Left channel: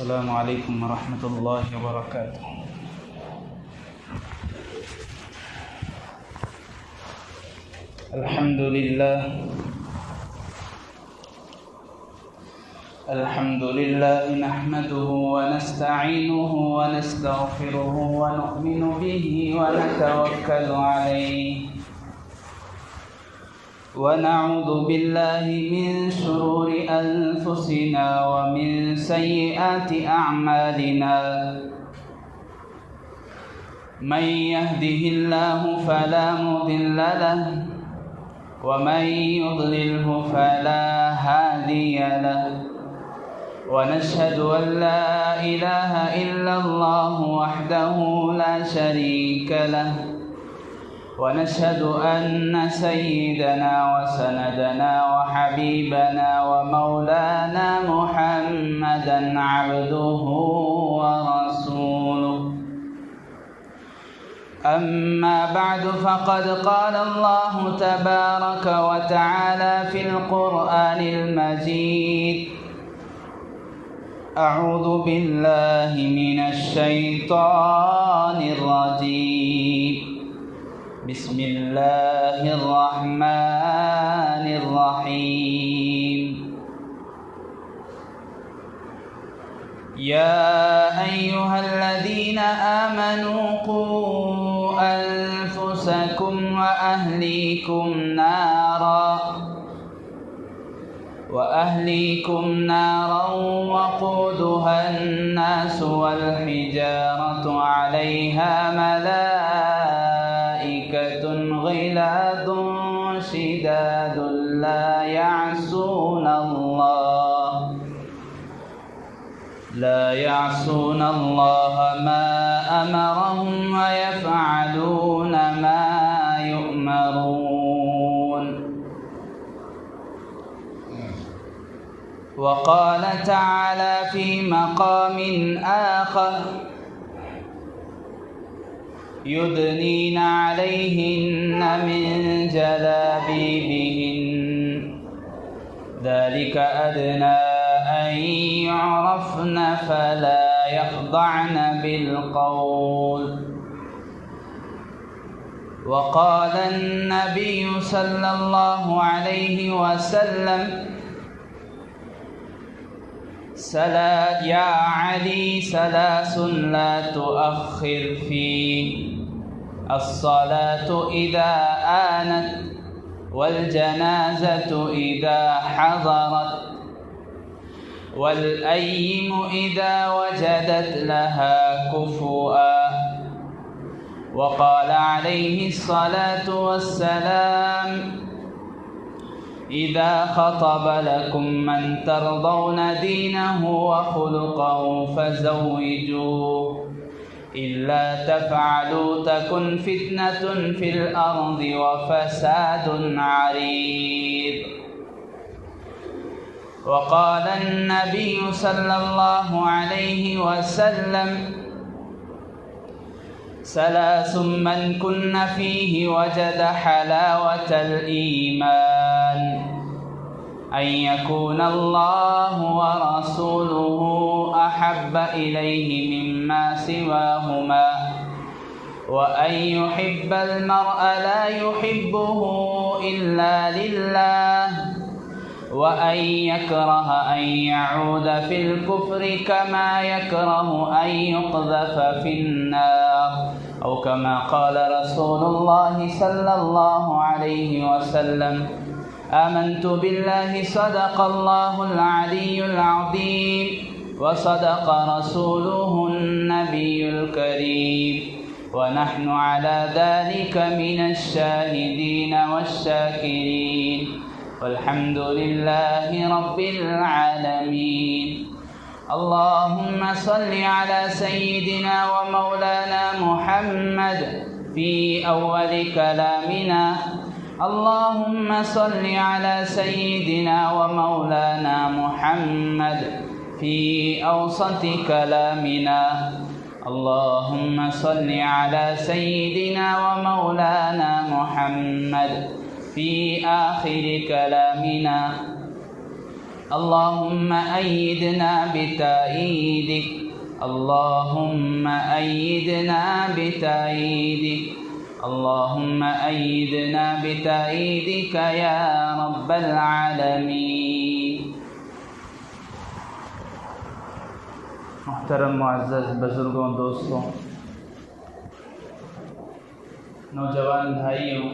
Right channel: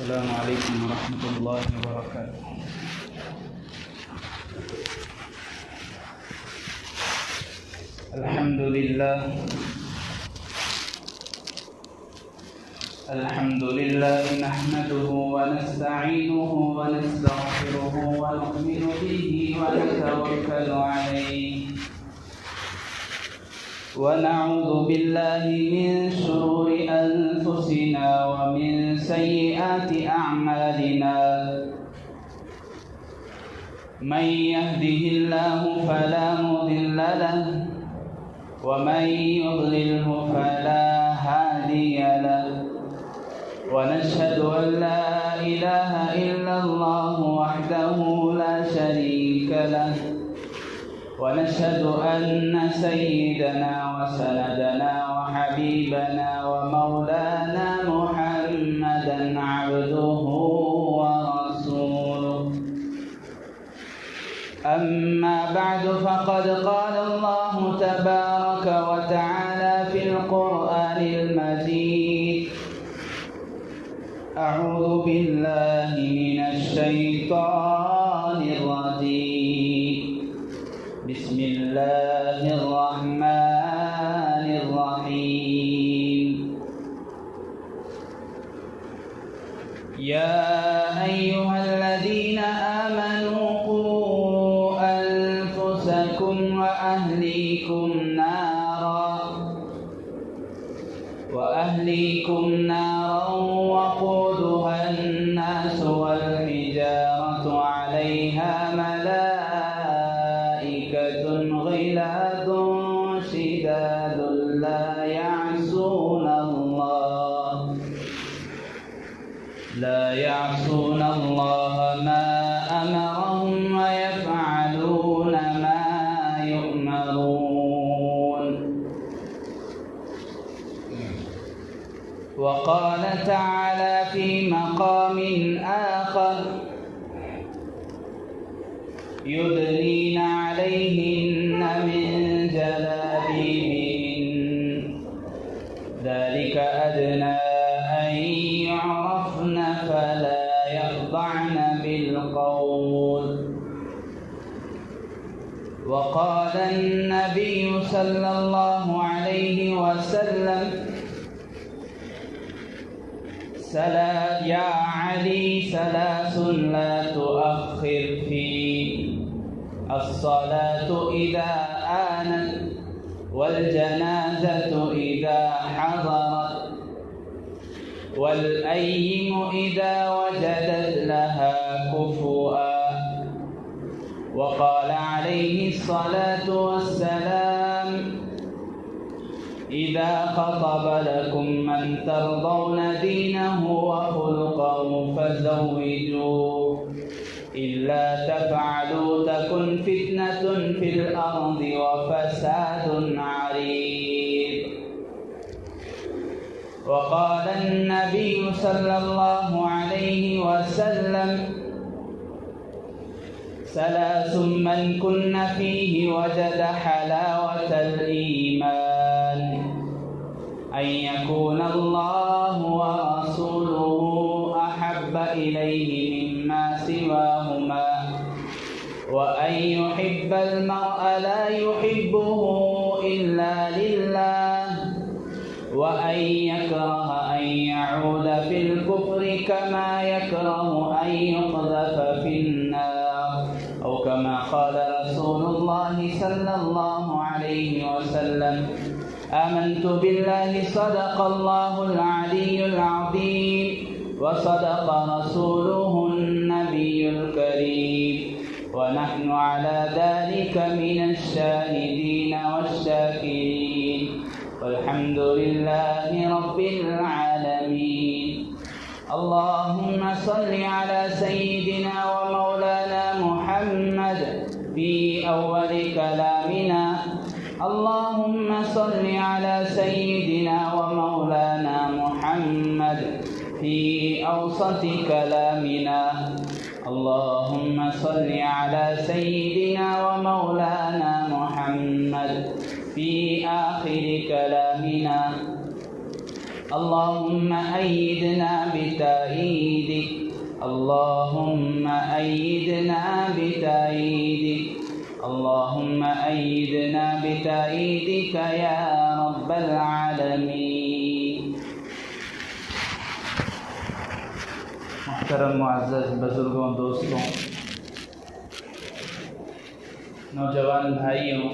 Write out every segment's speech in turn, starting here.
السلام عليكم ورحمة الله وبركاته. الحمد لله نحمده ونستعينه ونستغفره ونؤمن به ونتوكل عليه ونعوذ بالله من شرور أنفسنا ومن سيئات أعمالنا. من يهده الله فلا مضل له ومن يضلله فلا هادي له، ونشهد أن لا إله إلا الله وحده لا شريك له، ونشهد أن سيدنا وسندنا وحبيبنا ومولانا محمدا عبده ورسوله. أما بعد فقد قال الله تبارك وتعالى في القرآن المجيد: أعوذ بالله من الشيطان الرجيم. بسم الله الرحمن الرحيم. يا أيها الذين آمنوا قوا أنفسكم وأهليكم نارا وقودها الناس والحجارة عليها ملائكة غلاظ شداد لا يعصون الله ما أمرهم ويفعلون ما يؤمرون. وقال تعالى في مقام آخر: يدنين عليهن من جلابيبهن ذلك أدنى أن يعرفن فلا يخضعن بالقول. وقال النبي صلى الله عليه وسلم: يا علي ثلاث لا تؤخر في الصلاة إذا آنت، والجنازة إذا حضرت، والأيم إذا وجدت لها كفؤا. وقال عليه الصلاة والسلام: إذا خطب لكم من ترضون دينه وخلقه فزوجوه، إلا تفعلوا تكن فتنة في الأرض وفساد عريض. وقال النبي صلى الله عليه وسلم: ثلاث من كن فيه وجد حلاوة الإيمان: أن يكون الله ورسوله أحب إليه مما سواهما، وأن يحب المرء لا يحبه إلا لله، وأن يكره أن يعود في الكفر كما يكره أن يقذف في النار، أو كما قال رسول الله صلى الله عليه وسلم: آمنت بالله صدق الله العلي العظيم، وصدق رسوله النبي الكريم، ونحن على ذلك من الشاهدين والشاكرين، والحمد لله رب العالمين. اللهم صل على سيدنا ومولانا محمد في أول كلامنا. اللهم صل على سيدنا ومولانا محمد في أوسط كلامنا. اللهم صل على سيدنا ومولانا محمد في آخر كلامنا. اللهم أيدنا بتأييدك اللهم أيدنا بتأييدك اللهم أيدنا بتأييدك يا رب العالمين۔ محترم معزز بزرگوں، دوستوں، نوجوان بھائیوں،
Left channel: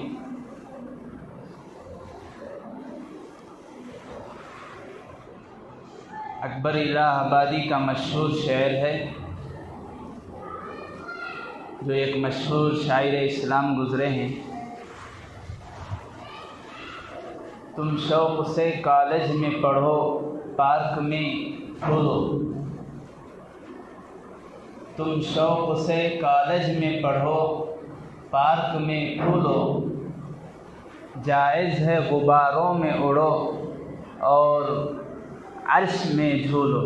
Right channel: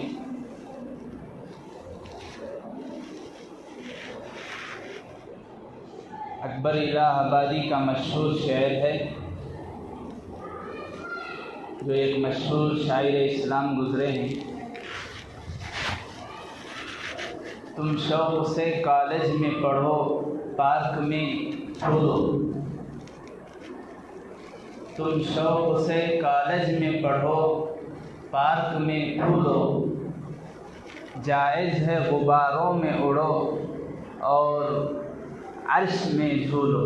اکبر الہ آبادی کا مشہور شعر ہے جو ایک مشہور شاعر اسلام گزرے ہیں۔ تم شوق سے کالج میں پڑھو، پارک میں کھولو۔ تم شوق سے کالج میں پڑھو، پارک میں کھولو۔ جائز ہے غباروں میں اڑو اور عرش میں جھولو۔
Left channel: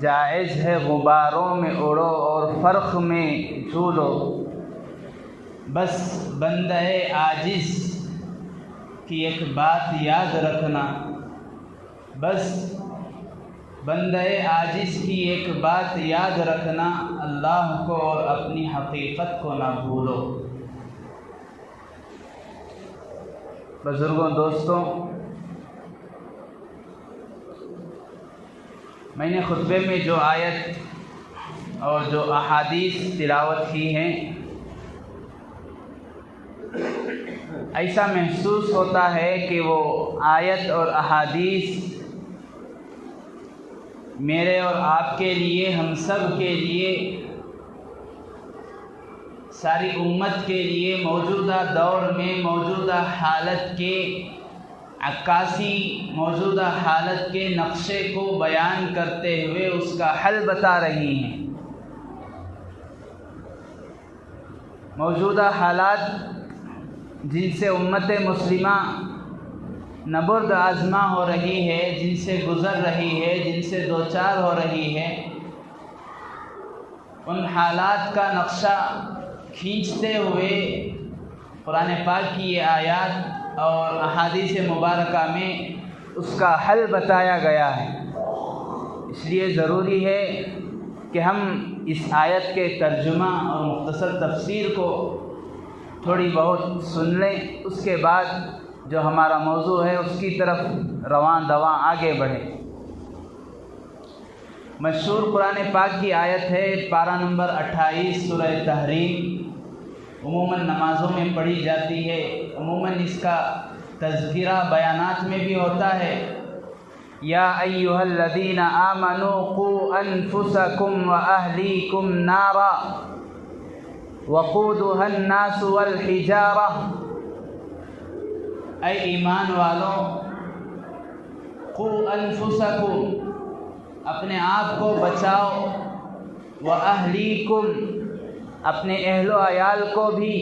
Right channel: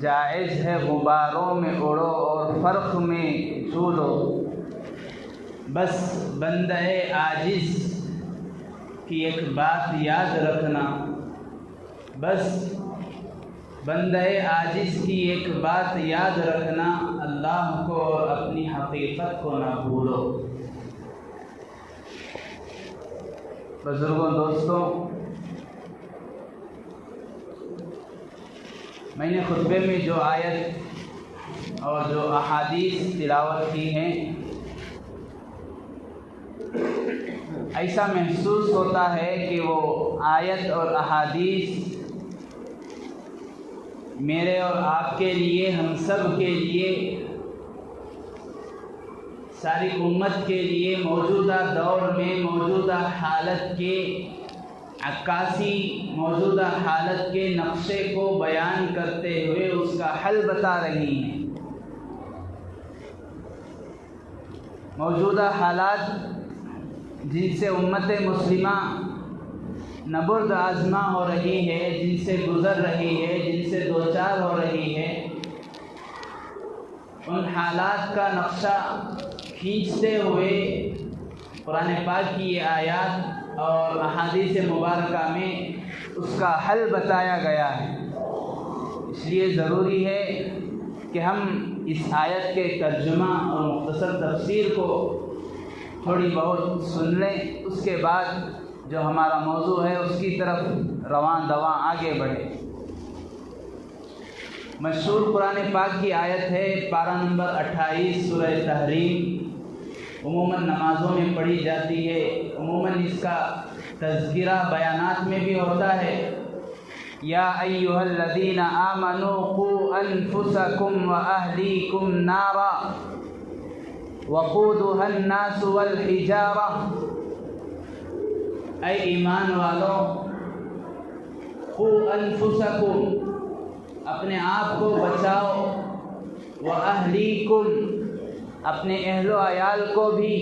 جائز ہے غباروں میں اڑو اور فرق میں جھولو۔ بس بندہ عاجز کی ایک بات یاد رکھنا، بس بندہ عاجز کی ایک بات یاد رکھنا، اللہ کو اور اپنی حقیقت کو نہ بھولو۔ بزرگوں، دوستوں، میں نے خطبے میں جو آیت اور جو احادیث تلاوت کی ہیں، ایسا محسوس ہوتا ہے کہ وہ آیت اور احادیث میرے اور آپ کے لیے، ہم سب کے لیے، ساری امت کے لیے موجودہ دور میں موجودہ حالت کے عکاسی، موجودہ حالت کے نقشے کو بیان کرتے ہوئے اس کا حل بتا رہی ہیں۔ موجودہ حالات جن سے امت مسلمہ نبرد آزما ہو رہی ہے، جن سے گزر رہی ہے، جن سے دوچار ہو رہی ہے، ان حالات کا نقشہ کھینچتے ہوئے قرآن پاک کی یہ آیات اور احادیث مبارکہ میں اس کا حل بتایا گیا ہے۔ اس لیے ضروری ہے کہ ہم اس آیت کے ترجمہ اور مختصر تفسیر کو تھوڑی بہت سن لیں، اس کے بعد جو ہمارا موضوع ہے اس کی طرف رواں دواں آگے بڑھے۔ مشہور قرآن پاک کی آیت ہے، پارہ نمبر 28 سورہ تحریم، عموماً نمازوں میں پڑھی جاتی ہے، عموماً اس کا تذکرہ بیانات میں بھی ہوتا ہے۔ یا ایھا الذین آمنوا قوا انفسکم واہلیکم نارا وقودها الناس والحجارہ، اے ایمان والوں، قوا انفسکم، اپنے آپ کو بچاؤ، واہلیکم، اپنے اہل و عیال کو بھی۔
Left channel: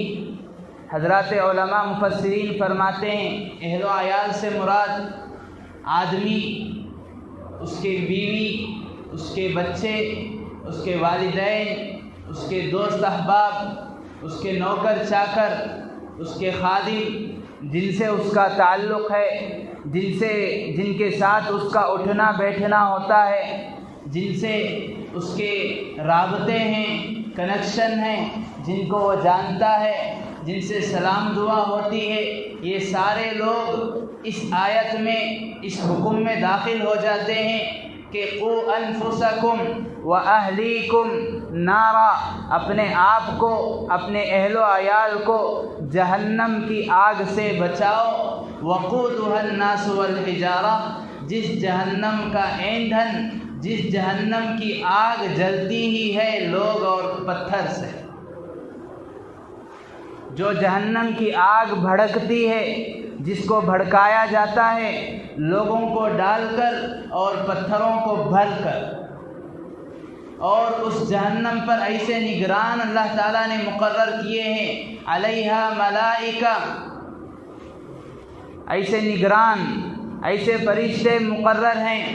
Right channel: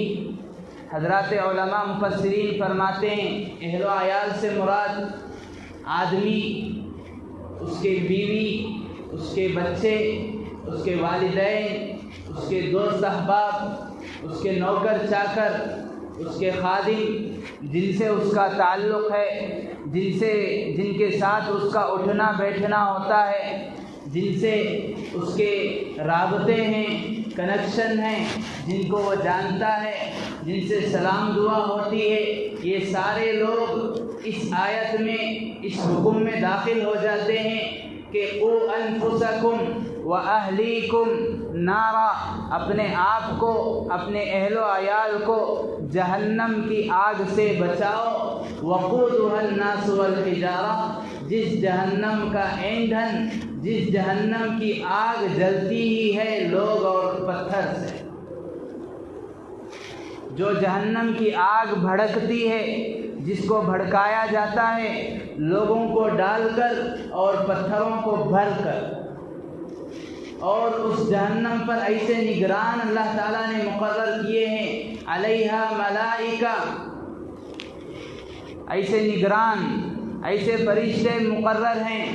حضرات علماء مفسرین فرماتے ہیں اہل و عیال سے مراد آدمی، اس کے بیوی، اس کے بچے، اس کے والدین، اس کے دوست احباب، اس کے نوکر چاکر، اس کے خادم، جن سے اس کا تعلق ہے، جن کے ساتھ اس کا اٹھنا بیٹھنا ہوتا ہے، جن سے اس کے رابطے ہیں، کنیکشن ہیں، جن کو وہ جانتا ہے، جن سے سلام دعا ہوتی ہے، یہ سارے لوگ اس آیت میں، اس حکم میں داخل ہو جاتے ہیں کہ قوا انفسکم واہلیکم نارا، اپنے آپ کو، اپنے اہل و عیال کو جہنم کی آگ سے بچاؤ۔ وقودها الناس والحجارہ، جس جہنم کا ایندھن، جس جہنم کی آگ جلتی ہی ہے لوگ اور پتھر سے، جو جہنم کی آگ بھڑکتی ہے، جس کو بھڑکایا جاتا ہے لوگوں کو ڈال کر اور پتھروں کو بھر کر، اور اس جہنم پر ایسے نگران اللہ تعالیٰ نے مقرر کیے ہیں، علیہا ملائکہ، ایسے نگران، ایسے فرشتے مقرر ہیں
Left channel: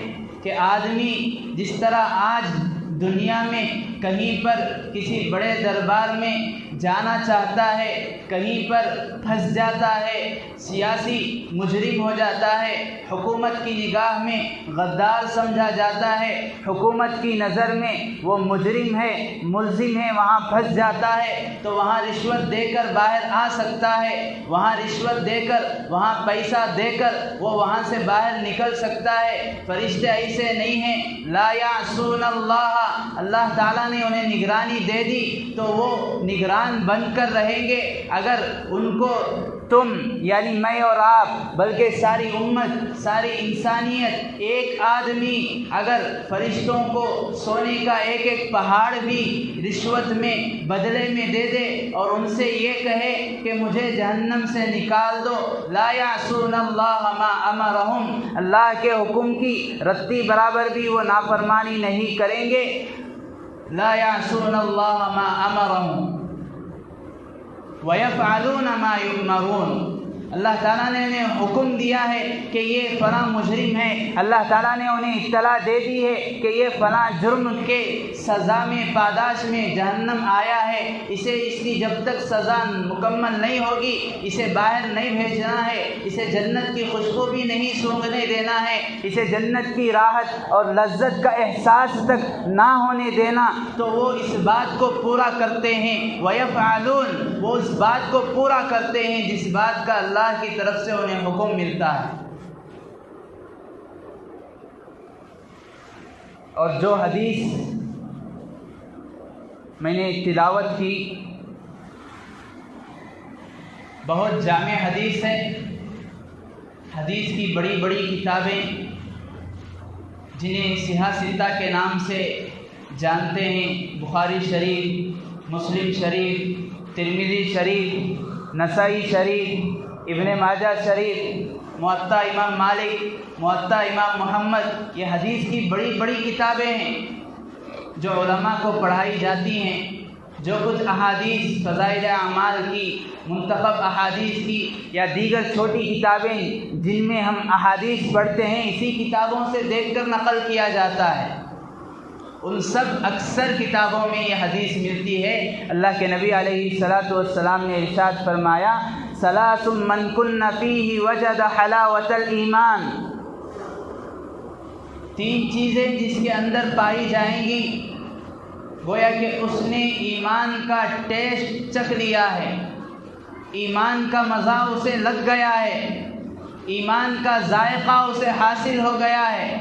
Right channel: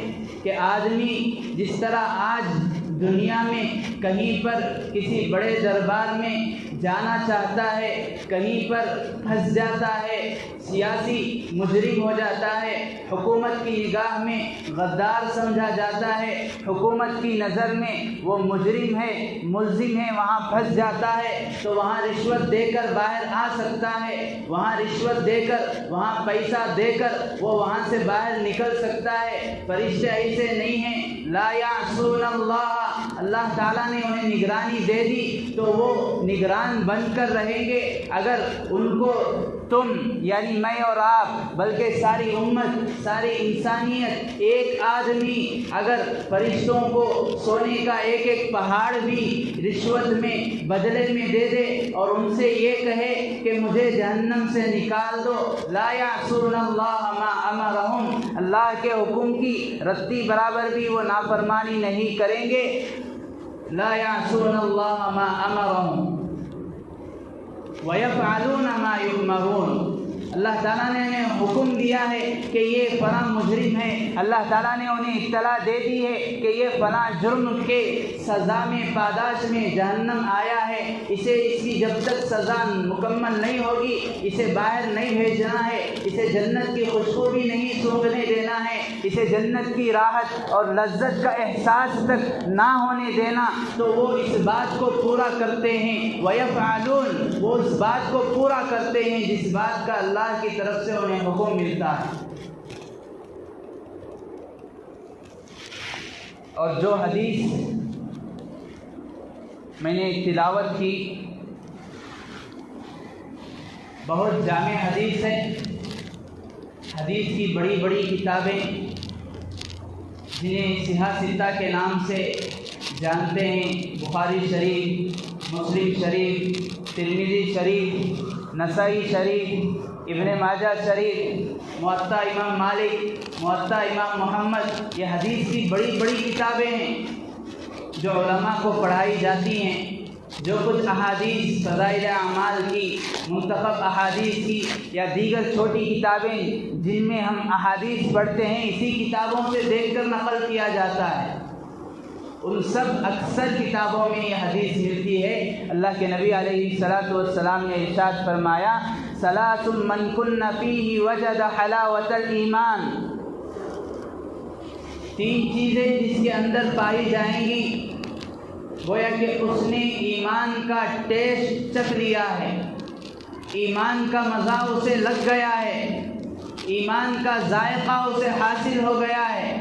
کہ آدمی جس طرح آج دنیا میں کہیں پر کسی بڑے دربار میں جانا چاہتا ہے، کہیں پر پھنس جاتا ہے، سیاسی مجرم ہو جاتا ہے، حکومت کی نگاہ میں غدار سمجھا جاتا ہے، حکومت کی نظر میں وہ مجرم ہے، ملزم ہے، وہاں پھنس جاتا ہے تو وہاں رشوت دے کر باہر آ سکتا ہے، وہاں رشوت دے کر، وہاں پیسہ دے کر وہ وہاں سے باہر نکل سکتا ہے۔ فرشتے ایسے نہیں ہیں، لا یعصون اللہ تعالیٰ نے انہیں نگرانی دے دی تو وہ نگران بن کر رہیں گے۔ اگر ان کو تم یعنی میں اور آپ بلکہ ساری امت، ساری انسانیت، ایک آدمی اگر فرشتوں کو سونے کا ایک ایک پہاڑ بھی رشوت میں بدلے میں دے دے اور ان سے یہ کہے کہ مجھے جہنم سے نکال دو، لا یعصون اللہ ما امرہم، اللہ کے حکم کی رتی برابر بھی وہ نافرمانی نہیں کریں گے۔ لا یعصون اللہ ما امرہم وَيَفْعَلُونَ مَا يُؤْمَرُونَ، اللہ تعالیٰ نے انہیں حکم دیا ہے کہ یہ فلاں مجرم ہے، اللہ تعالیٰ نے انہیں اطلاع دے دی ہے کہ یہ فلاں جرم کے سزا میں پاداش میں جہنم آیا ہے، اسے اس کی جب تک سزا مکمل نہیں ہوگی اسے باہر نہیں بھیجنا ہے، اسے جنت کی خوشبو بھی نہیں سونگھنے دینا ہے، اسے جنت کی راحت اور لذت کا احساس تک نہ ہونے دینا۔ تو وہ اس بات کو پورا کرتے ہیں، وَيَفْعَلُونَ، وہ اس بات کو پورا کرتے ہیں جس بات کا اللہ کی طرف سے انہیں حکم ملتا ہے۔ اور جو حدیث میں نے تلاوت کی بہت جامع حدیث ہے، حدیث کی بڑی بڑی کتابیں جنہیں صحیح ستہ کے نام سے جانتے ہیں، بخاری شریف، مسلم شریف، ترمذی شریف، نسائی شریف، ابن ماجہ شریف، موطا امام مالک، موطا امام محمد، یہ حدیث کی بڑی بڑی کتابیں ہیں جو علماء کو پڑھائی جاتی ہیں۔ جو کچھ احادیث فضائل اعمال کی، منتخب احادیث کی یا دیگر چھوٹی کتابیں جن میں ہم احادیث پڑھتے ہیں، اسی کتابوں سے دیکھ کر نقل کیا جاتا ہے۔ ان سب اکثر کتابوں میں یہ حدیث ملتی ہے۔ اللہ کے نبی علیہ الصلاۃ والسلام نے ارشاد فرمایا، ثلاث من کن فیہ وجد حلاوۃ الایمان، تین چیزیں جس کے اندر پائی جائیں گی گویا کہ اس نے ایمان کا ٹیسٹ چکھ لیا ہے، ایمان کا مزہ اسے لگ گیا ہے، ایمان کا ذائقہ اسے حاصل ہو گیا ہے،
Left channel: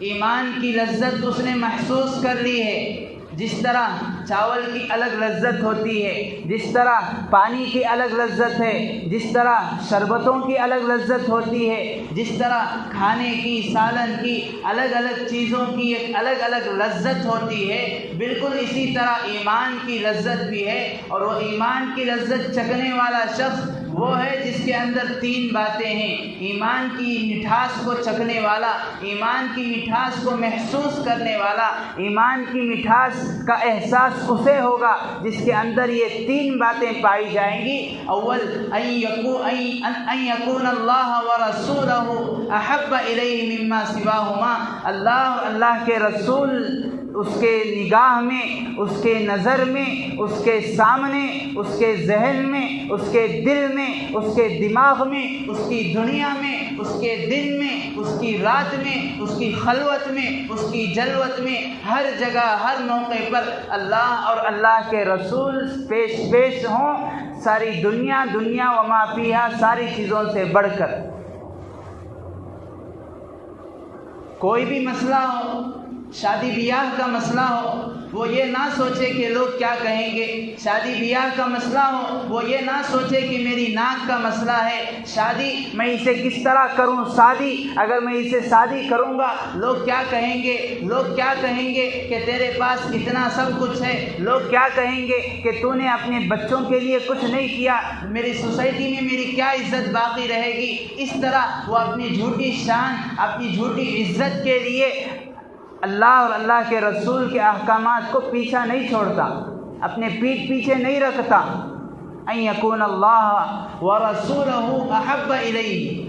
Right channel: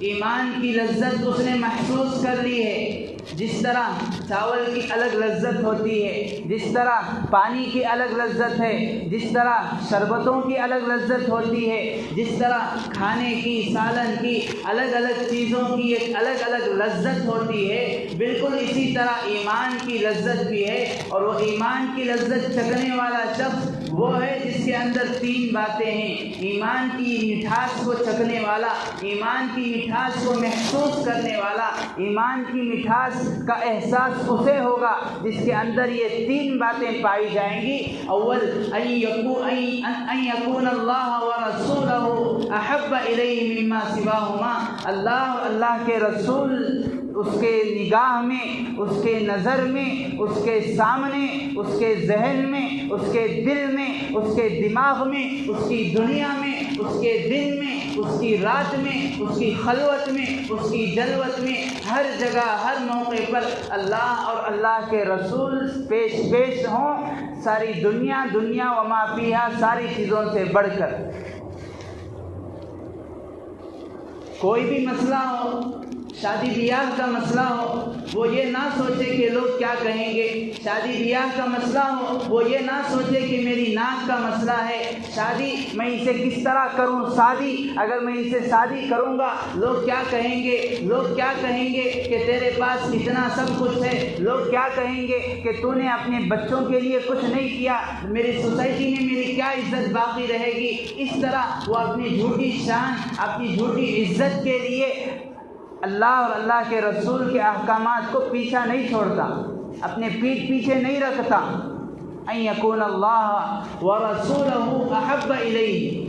ایمان کی لذت اس نے محسوس کر لی ہے۔ جس طرح چاول کی الگ لذت ہوتی ہے، جس طرح پانی کی الگ لذت ہے، جس طرح شربتوں کی الگ لذت ہوتی ہے، جس طرح کھانے کی، سالن کی، الگ الگ چیزوں کی ایک الگ الگ لذت ہوتی ہے، بالکل اسی طرح ایمان کی لذت بھی ہے۔ اور وہ ایمان کی لذت چکھنے والا شخص وہ ہے جس کے اندر تین باتیں ہیں، ایمان کی مٹھاس کو چکھنے والا، ایمان کی مٹھاس کو محسوس کرنے والا، ایمان کی مٹھاس کا احساس اسے ہوگا جس کے اندر یہ تین باتیں پائی جائیں گی۔ اول ان یکون اللہ ورسولہ احب الیہ مما سواہما، اللہ اور اللہ کے رسول اس کے نگاہ میں، اس کے نظر میں، اس کے سامنے، اس کے ذہن میں، اس کے دل میں، اس کے دماغ میں، اس کی دنیا میں، اس کے دن میں، اس کی رات میں، اس کی خلوت میں، اس کی جلوت میں، ہر جگہ ہر موقع پر اللہ اور اللہ کے رسول پیش ہوں، ساری دنیا و ما فیہا، ساری چیزوں سے بڑھ کر۔ کوئی بھی مسئلہ ہو، شادی بیاہ کا مسئلہ ہو، وہ یہ نہ سوچے کہ لوگ کیا کہیں گے، شادی بیاہ کا مسئلہ ہو، وہ یہ نہ سوچے کہ میری ناک کا مسئلہ ہے، شادی میں اسے کس طرح کروں، شادی اگر میں اسے شادی کروں گا لوگ کیا کہیں گے، لوگ کیا کہیں گے کہ تیرے پاس اتنا سب کچھ ہے، لوگ کیا کہیں گے کہ تو نے اپنے بچوں کے لیے کچھ نہیں کیا، میری سوسائٹی میں میری کیا عزت باقی رہے گی۔ اس طرح وہ اپنی جھوٹی شان، اپنی جھوٹی عزت کے لیے اللہ اور اللہ کے رسول کے احکامات کو پیچھا نہیں چھوڑتا، اپنے پیٹھ پیچھے نہیں رکھتا۔ ان یکون اللہ ورسولہ احب الیہ،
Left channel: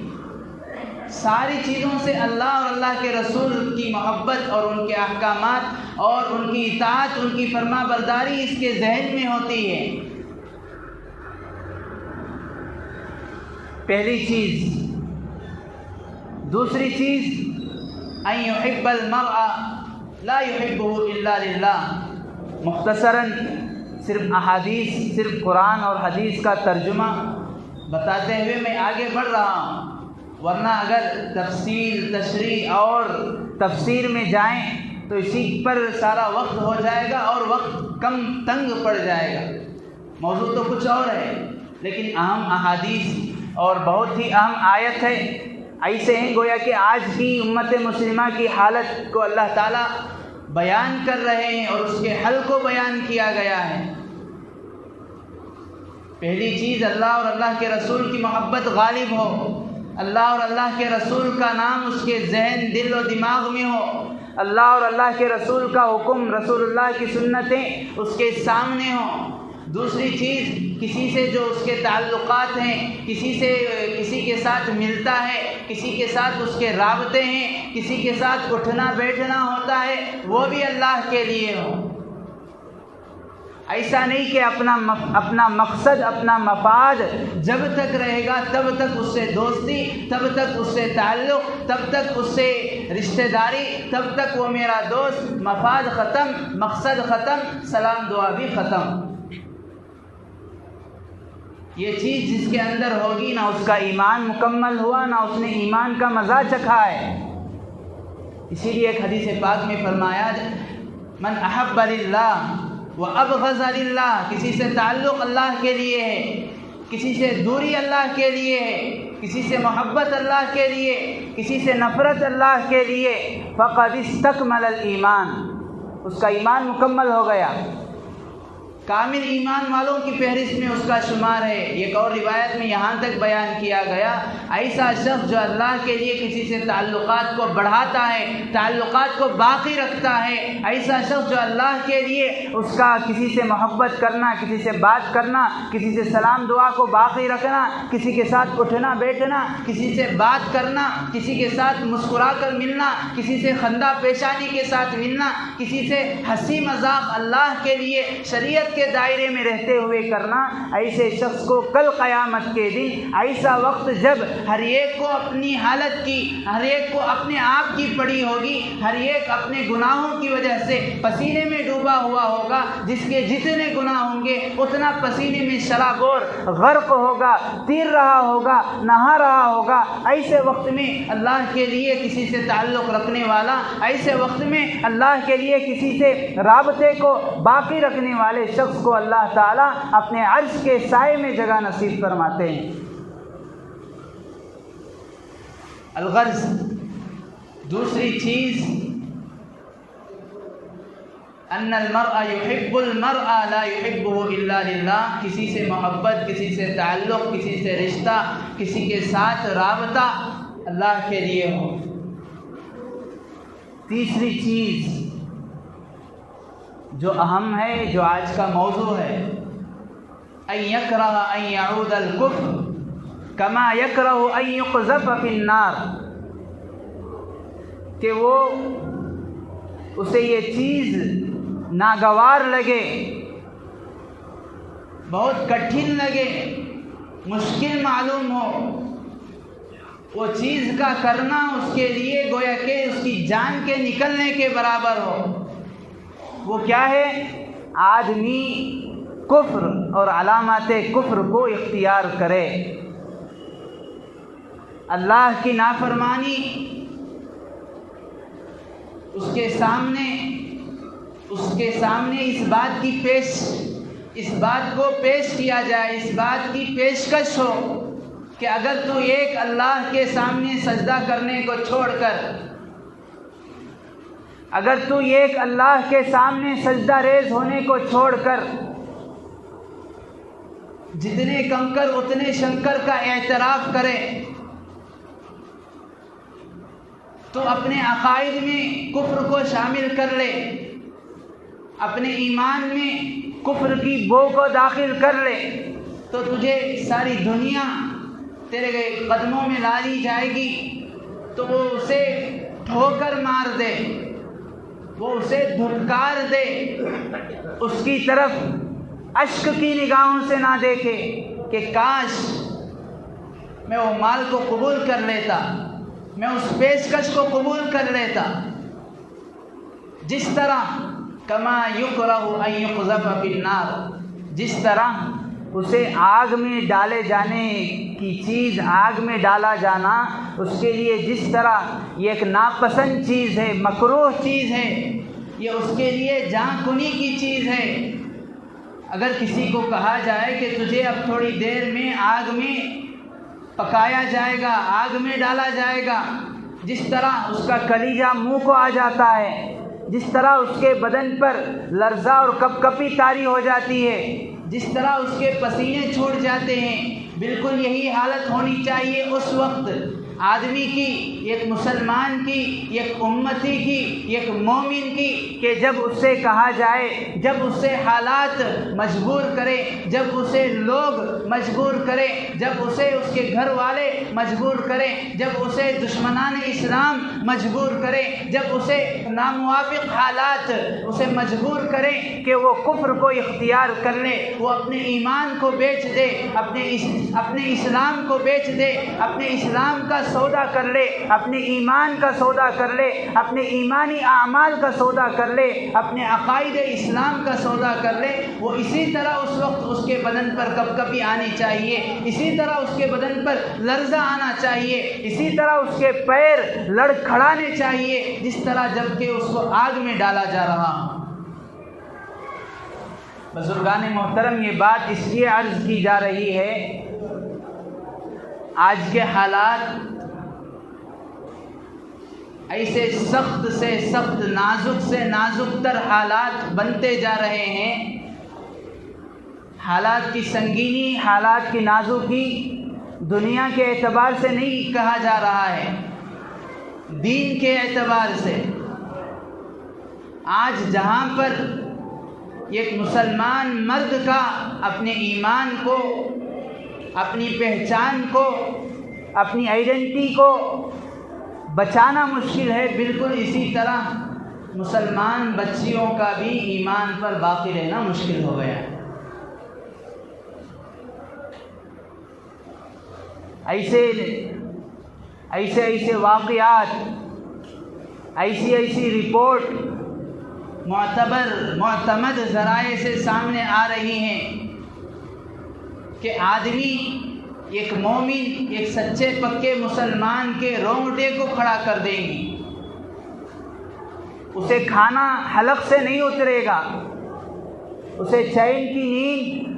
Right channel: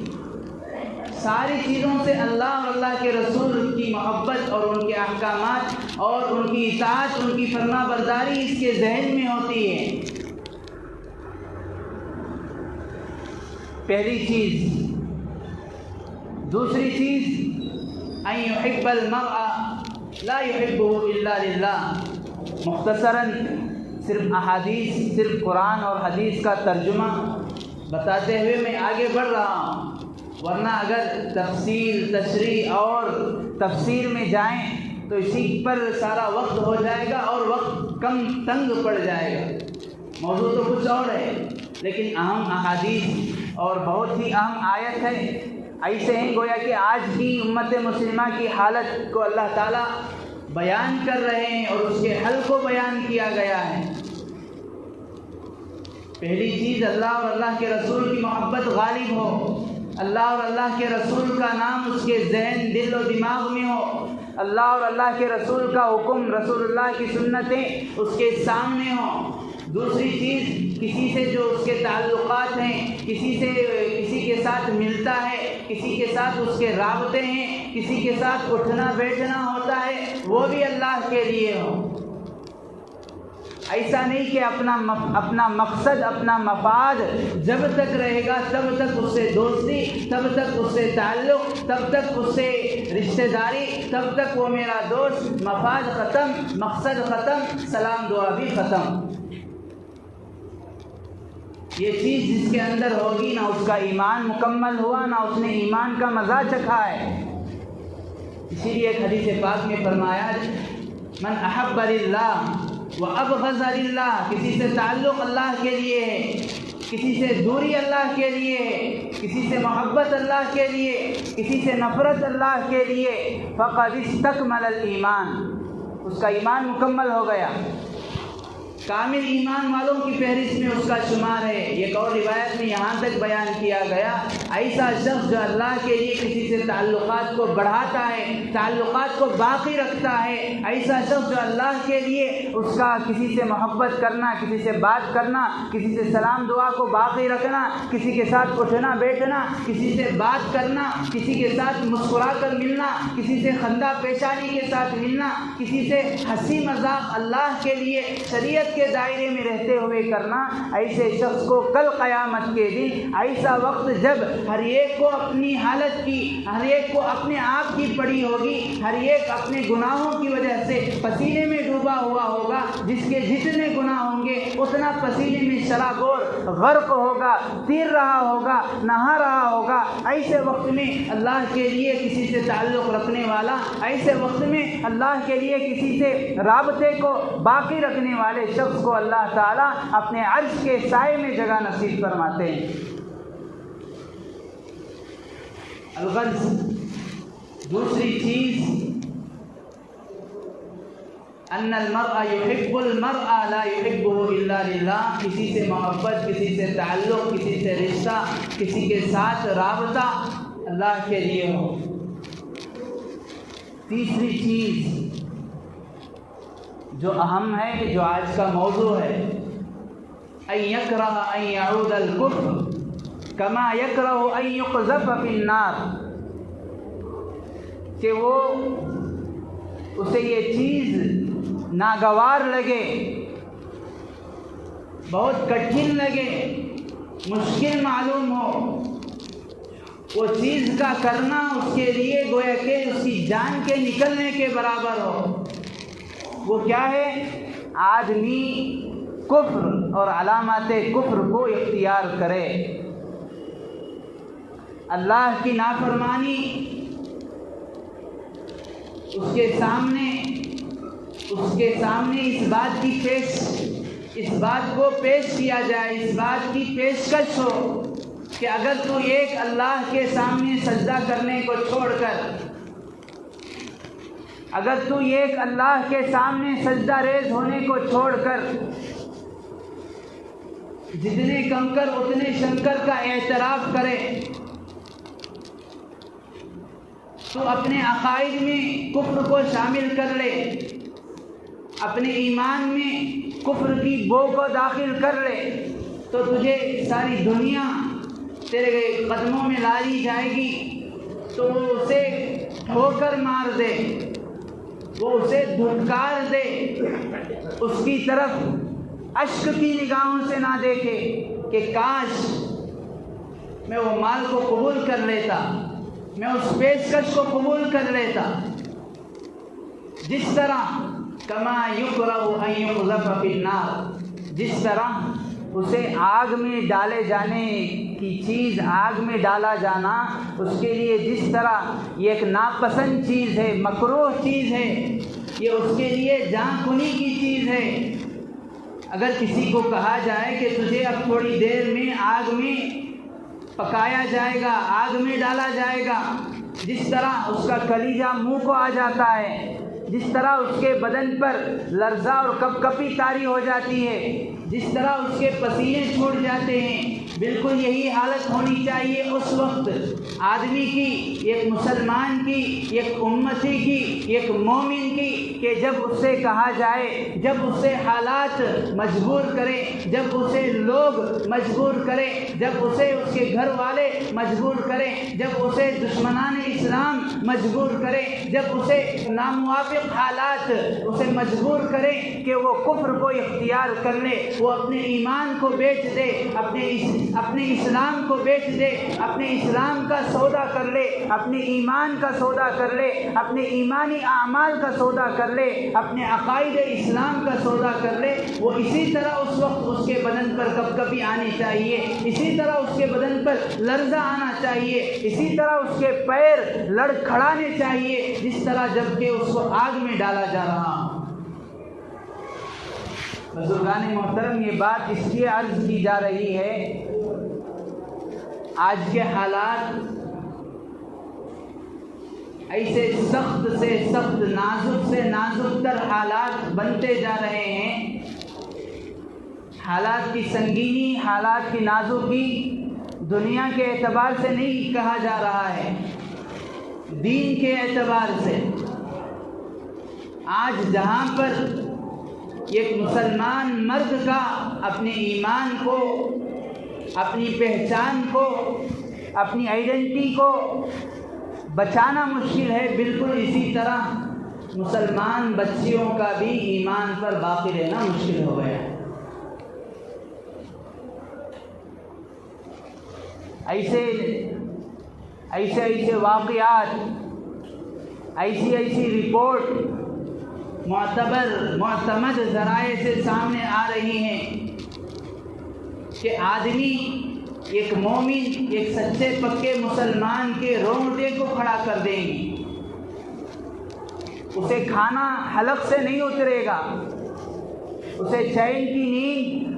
ساری چیزوں سے اللہ اور اللہ کے رسول کی محبت اور ان کے احکامات اور ان کی اطاعت، ان کی فرما برداری اس کے ذہن میں ہوتی ہے۔ پہلی چیز۔ دوسری چیز ان يحب المرء لا يحبه الا لله۔ مختصراً صرف احادیث، صرف قرآن اور حدیث کا ترجمہ بتاتے ہوئے میں آگے بڑھ رہا ہوں، ورنہ اگر تفصیل، تشریح اور تفسیر میں جائیں تو اسی پر سارا وقت ہو جائے گا اور وقت کم تنگ پڑ جائے گا۔ موضوع تو کچھ اور ہے، لیکن اہم احادیث اور بہت ہی اہم آیت ہے، ایسے ہیں گویا کہ آج کی امت مسلمہ کی حالت کو اللہ تعالیٰ بیان کر رہے ہیں اور اس کے حل کو بیان کیا گیا ہے۔ پہلی چیز، اللہ اور اللہ کے رسول کی محبت غالب ہو، اللہ اور اللہ کے رسول کا نام اس کے ذہن، دل و دماغ میں ہو، اللہ اور اللہ کے رسول کا حکم، رسول اللہ کی سنتیں اس کے سامنے ہوں۔ دوسری چیز، کسی سے جو اس کے تعلقات ہیں، کسی کے ساتھ ملتا ہے، کسی کے ساتھ اس کے رابطے ہیں، کسی کے ساتھ اٹھنا بیٹھنا ہوتا ہے، وہ بھی اللہ کے لیے ہو۔ ایسا نہیں کہ اپنا مقصد، اپنا مفاد جب تک رہے گا تب تک اس سے دوستی، تب تک اس سے تعلق، تب تک اس سے رشتہ داری، تب تک وہ میرا دوست، مفاد ختم، مقصد ختم، سلام دعا بھی ختم۔ یہ چیز جس کے اندر ہوگی، نہ اس کا ایمان مکمل ہوا، نہ اس نے ایمان کا مزہ چکھا ہے۔ اسی لیے ایک حدیث پاک میں فرمایا، من احب للہ وابغض للہ، کسی سے تعلق اللہ کے لیے ہے، کسی سے دوری اللہ کے لیے ہے، کسی سے محبت اللہ کے لیے، کسی سے نفرت اللہ کے لیے، فقد استکمل الایمان، اس کا ایمان مکمل ہو گیا، کامل ایمان والوں کی فہرست میں اس کا شمار ہے۔ ایک اور روایت میں یہاں تک بیان کیا گیا، ایسا شخص جو اللہ کے لیے کسی سے تعلقات کو بڑھاتا ہے، تعلقات کو باقی رکھتا ہے، ایسا شخص جو اللہ کے لیے اس کا کسی سے محبت کرنا، کسی سے بات کرنا، کسی سے سلام دعا کو باقی رکھنا، کسی کے ساتھ اٹھنا بیٹھنا، کسی سے بات کرنا، کسی کے ساتھ مسکرا کر ملنا، کسی سے خندہ پیشانی کے ساتھ ملنا، کسی سے ہنسی مذاق اللہ کے لیے شریعت کے دائرے میں رہتے ہوئے کرنا، ایسے شخص کو کل قیامت کے دن ایسا وقت جب ہر ایک کو اپنی حالت کی، ہر ایک کو اپنے آپ کی پڑی ہوگی، ہر ایک اپنے گناہوں کی وجہ سے پسینے میں ڈوبا ہوا ہوگا، جس کے جتنے گناہ ہوں گے اتنا پسینے میں شرابور غرق ہوگا، تیر رہا ہوگا، نہا رہا ہوگا۔ ایسے وقت میں اللہ کے لیے کسی سے تعلق رکھنے والا، ایسے وقت میں اللہ کے لیے کسی سے رابطے کو باقی رکھنے والے شخص کو اللہ تعالیٰ اپنے عرش کے سائے میں جگہ نصیب فرماتے ہیں۔ الغرض، دوسری چیز، ان المرء يحب المرء لا يحبه الا للہ، کسی سے محبت، کسی سے تعلق، کسی سے رشتہ، کسی کے ساتھ رابطہ اللہ کے لیے ہو۔ تیسری چیز جو اہم ہے، جو آج کا موضوع ہے، ان یکرہ ان یعود الکفر کما یکرہ ان یقذف فی النار، کہ وہ اسے یہ چیز ناگوار لگے، بہت کٹھن لگے، مشکل معلوم ہو، وہ چیز کا کرنا اس کے لیے گویا کہ اس کی جان کے نکلنے کے برابر ہو۔ وہ کیا ہے؟ آدمی کفر اور علامات کفر کو اختیار کرے، اللہ کی نافرمانی اس کے سامنے اس بات کو پیش کیا جائے، اس بات کی پیشکش ہو کہ اگر تو ایک اللہ کے سامنے سجدہ کرنے کو چھوڑ کر، اگر تو ایک اللہ کے سامنے سجدہ ریز ہونے کو چھوڑ کر جتنے کنکر اتنے شنکر کا اعتراف کرے، تو اپنے عقائد میں کفر کو شامل کر لے، اپنے ایمان میں کفر کی بو کو داخل کر لے، تو تجھے ساری دنیا تیرے قدموں میں ڈالی جائے گی، تو وہ اسے ٹھوکر مار دے، وہ اسے دھتکار دے، اس کی طرف اشک کی نگاہوں سے نہ دیکھے کہ کاش میں وہ مال کو قبول کر لیتا، میں اس پیشکش کو قبول کر لیتا۔ جس طرح کما یکرہ ان یقذف فی النار، جس طرح اسے آگ میں ڈالے جانے کی چیز، آگ میں ڈالا جانا اس کے لیے جس طرح یہ ایک ناپسند چیز ہے، مکروہ چیز ہے، یہ اس کے لیے جان کنی کی چیز ہے۔ اگر کسی کو کہا جائے کہ تجھے اب تھوڑی دیر میں آگ میں پکایا جائے گا، آگ میں ڈالا جائے گا، جس طرح اس کا کلیجہ منہ کو آ جاتا ہے، جس طرح اس کے بدن پر لرزہ اور کپکپی طاری ہو جاتی ہے، جس طرح اس کے پسینے چھوٹ جاتے ہیں، بالکل یہی حالت ہونی چاہیے اس وقت آدمی کی، ایک مسلمان کی، ایک امتی کی، ایک مومن کی، کہ جب اس سے کہا جائے، جب اس سے حالات مجبور کرے، جب اسے لوگ مجبور کرے، جب اسے اس کے گھر والے مجبور کرے، جب اسے دشمنان اسلام مجبور کرے، جب اسے ناموافق حالات اسے مجبور کرے کہ وہ کفر کو اختیار کر لے، وہ اپنے ایمان کو بیچ دے، اپنے اسلام کو بیچ دے، اپنے اسلام کا سودا کر لے، اپنے ایمان کا سودا کر لے، اپنے ایمانی اعمال کا سودا کر لے، اپنے عقائد اسلام کا سودا کر لے، وہ اسی طرح اس وقت اس کے بدن پر کپکپی آنی چاہیے، اسی طرح اس کے بدن پر لرزہ آنا چاہیے، اسی طرح اس کے پیر لڑکھڑانے چاہیے، جس طرح جب کہ اس کو آگ میں ڈالا جا رہا ہو۔ بزرگان محترم، یہ بات اس لیے عرض کی جا رہی ہے، آج کے حالات ایسے سخت سے سخت، نازک سے نازک تر حالات بنتے جا رہے ہیں۔ حالات کی سنگینی، حالات کی نازکی دنیا کے اعتبار سے نہیں کہا جا رہا ہے، دین کے اعتبار سے۔ آج جہاں پر ایک مسلمان مرد کا اپنے ایمان کو، اپنی پہچان کو، اپنی آئیڈینٹی کو بچانا مشکل ہے، بالکل اسی طرح مسلمان بچیوں کا بھی ایمان پر باقی رہنا مشکل ہو گیا۔ ایسے واقعات، ایسی رپورٹ معتمد ذرائع سے سامنے آ رہی ہیں کہ آدمی، ایک مومن، ایک سچے پکے مسلمان کے رونگٹے کو کھڑا کر دیں گی، اسے کھانا حلق سے نہیں اترے گا، اسے چین کی نیند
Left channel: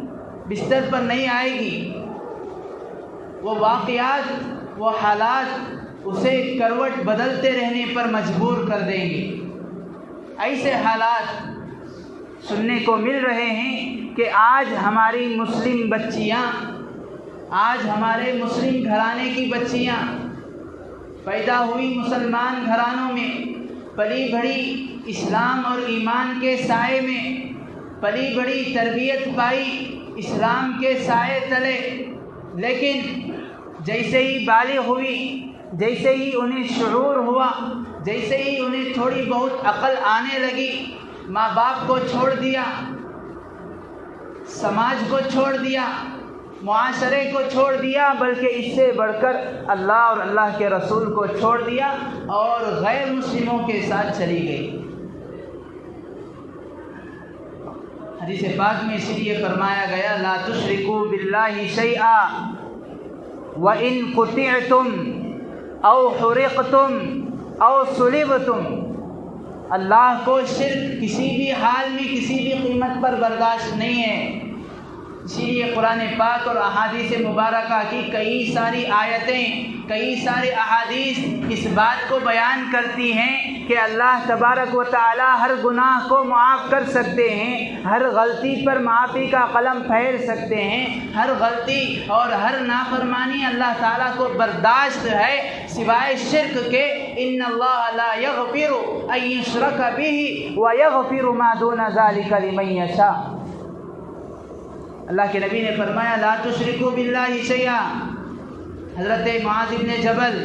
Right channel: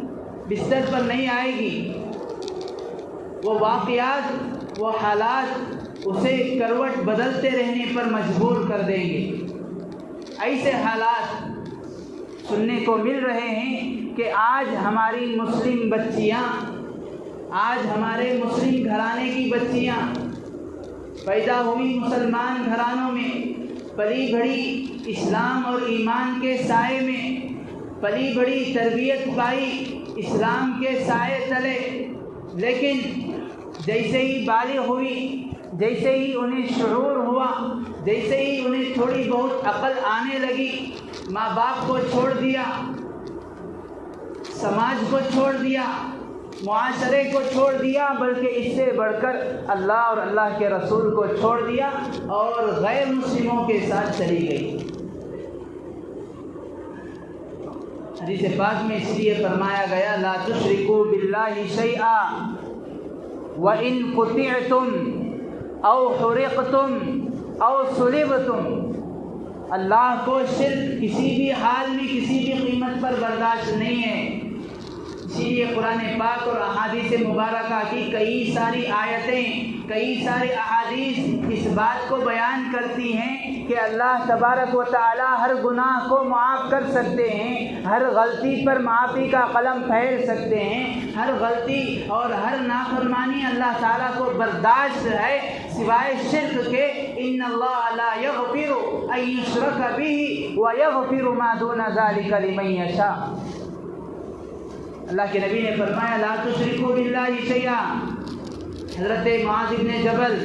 بستر پر نہیں آئے گی، وہ واقعات، وہ حالات اسے کروٹ بدلتے رہنے پر مجبور کر دیں گے۔ ایسے حالات سننے کو مل رہے ہیں کہ آج ہماری مسلم بچیاں، آج ہمارے مسلم گھرانے کی بچیاں پیدا ہوئی مسلمان گھرانوں میں، پلی بڑھی اسلام اور ایمان کے سائے میں، پلی بڑی تربیت پائی اسلام کے سائے تلے، لیکن جیسے ہی بالغ ہوئی، جیسے ہی انہیں شعور ہوا، جیسے ہی انہیں تھوڑی بہت عقل آنے لگی، ماں باپ کو چھوڑ دیا، سماج کو چھوڑ دیا، معاشرے کو چھوڑ دیا، بلکہ اس سے بڑھ کر اللہ اور اللہ کے رسول کو چھوڑ دیا اور غیر مسلموں کے ساتھ چلی گئی۔ حدیث پاک میں اس لیے فرمایا گیا، لا تشرکوا باللہ شیئا وَإِن قُطِعْتُمْ أَوْ حُرِقْتُمْ أَوْ صُلِبْتُمْ، اللہ کو شرک کسی بھی حال میں، کسی بھی قیمت پر برداشت نہیں ہے۔ اسی لیے قرآن پاک اور احادیث مبارکہ کی کئی ساری آیتیں، کئی سارے احادیث اس بات کو بیان کرتی ہیں کہ اللہ تبارک و تعالی ہر گناہ کو معاف کر سکتے ہیں، ہر غلطی پر معافی کا قلم پھیل سکتے ہیں، ہر غلطی اور ہر نافرمانی اللہ تعالیٰ کو برداشت ہے سوائے شرک کے۔ ان اللہ لا یغفر ان یشرک بہ ویغفر ما دون ذلک لمن یشاء۔ اللہ کے نبی نے فرمایا، لا تشرکوا باللہ شیئا۔ حضرت معاذ ابن جبل،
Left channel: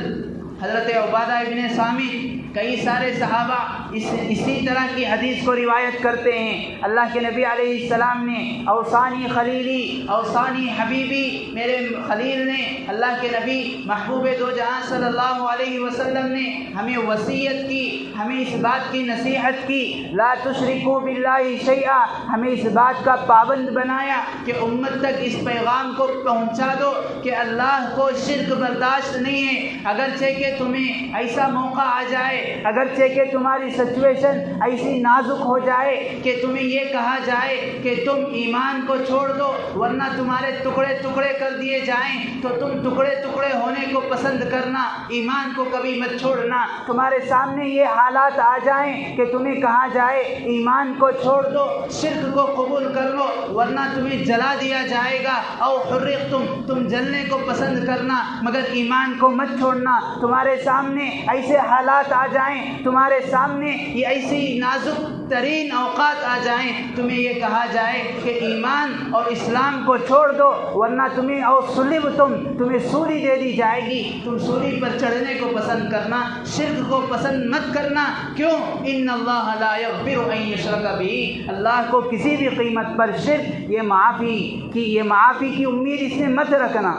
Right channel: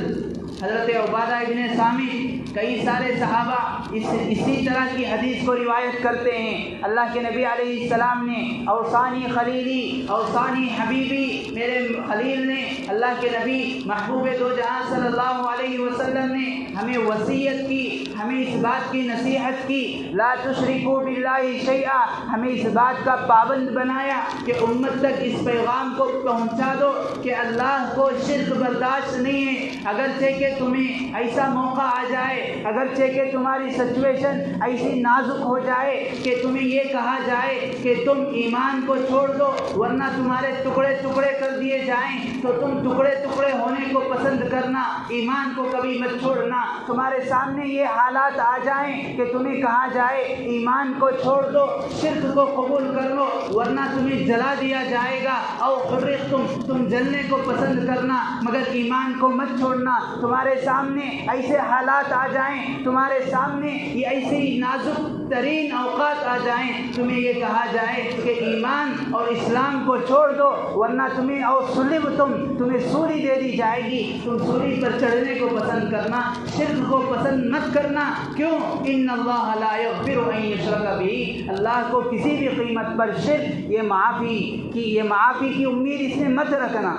حضرت عبادہ ابن صامت، کئی سارے صحابہ اسی طرح کی حدیث کو روایت کرتے ہیں، اللہ کے نبی علیہ السلام نے اوصانی خلیلی اوصانی حبیبی، میرے خلیل نے، اللہ کے نبی محبوب دو جہاں صلی اللہ علیہ وسلم نے ہمیں وصیت کی، ہمیں اس بات کی نصیحت کی، لا تشرکوا باللہ شیئا، ہمیں اس بات کا پابند بنایا کہ امت تک اس پیغام کو پہنچا دو کہ اللہ کو شرک برداشت نہیں ہے۔ اگرچہ کہ تمہیں ایسا موقع آ جائے، اگرچہ کہ تمہاری سچویشن ایسی نازک ہو جائے کہ تمہیں یہ کہا جائے کہ تم ایمان کو چھوڑ دو ورنہ تمہارے ٹکڑے ٹکڑے کر دیے جائیں، تو تم ٹکڑے ٹکڑے ہونے کو پسند کرنا، ایمان کو کبھی مت چھوڑنا۔ تمہارے سامنے یہ حالات آ جائیں کہ تمہیں کہا جائے ایمان کو چھوڑ دو، شرک کو قبول کر لو ورنہ تمہیں جلا دیا جائے گا، او حرقتم، تم جلنے کو پسند کرنا مگر ایمان کو مت چھوڑنا۔ تمہارے سامنے ایسے حالات آ جائیں، تمہارے سامنے یہ ایسی نازک ترین اوقات آ جائیں، تمہیں یہ کہا جائے کہ ایمان اور اسلام کو چھوڑ دو ورنہ تمہیں او سلبتم، تمہیں سولی دے دی جائے گی، تم سولی پر چڑھنے کو پسند کرنا، شرک کو پسند مت کرنا۔ کیوں؟ ان اللہ لا یغفر ان یشرک بہ، اللہ کو کسی بھی قیمت پر شرک یہ معافی کی امید اس نے مت رکھنا۔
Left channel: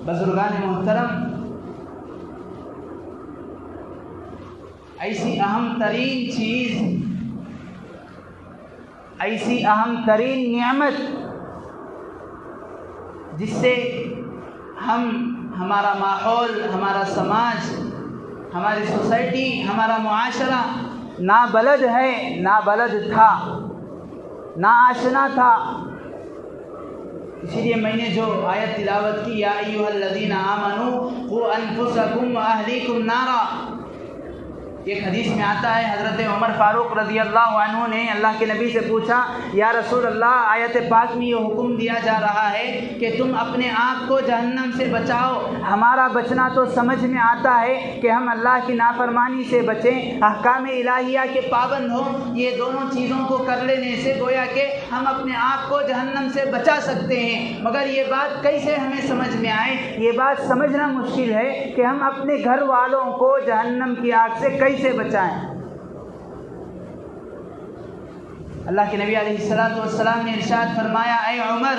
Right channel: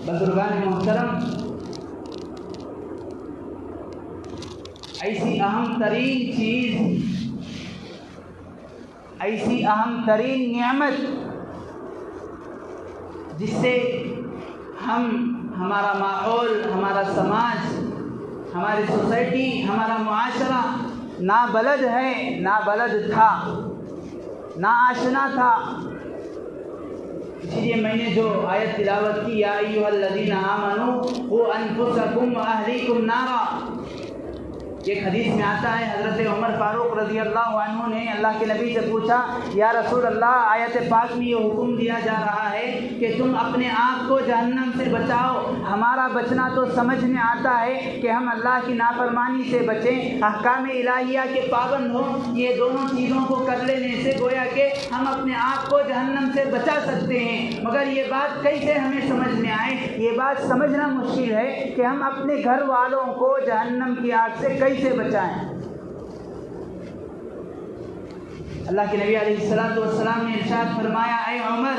بزرگان محترم، ایسی اہم ترین چیز، ایسی اہم ترین نعمت جس سے ہمارا ماحول، ہمارا سماج، ہماری سوسائٹی، ہمارا معاشرہ نابلد ہے، نابلد تھا، ناآشنا تھا۔ اسی لیے میں نے جو آیت تلاوت کی، یا ایھا الذین آمنوا قوا انفسکم واہلیکم نارا، ایک حدیث میں آتا ہے حضرت عمر فاروق رضی اللہ عنہ نے اللہ کے نبی سے پوچھا، یا رسول اللہ، آیت پاک میں یہ حکم دیا جا رہا ہے کہ تم اپنے آپ کو جہنم سے بچاؤ، ہمارا بچنا تو سمجھ میں آتا ہے کہ ہم اللہ کی نافرمانی سے بچیں، احکام الہیہ کے پابند ہوں، یہ دونوں چیزوں کو کر لینے سے گویا کہ ہم اپنے آپ کو جہنم سے بچا سکتے ہیں، مگر یہ بات کیسے ہمیں سمجھ میں آئے؟ یہ بات سمجھنا مشکل ہے کہ ہم اپنے گھر والوں کو جہنم کی آگ سے کیسے بچائیں۔ اللہ کے نبی علیہ السلام نے ارشاد فرمایا، اے عمر،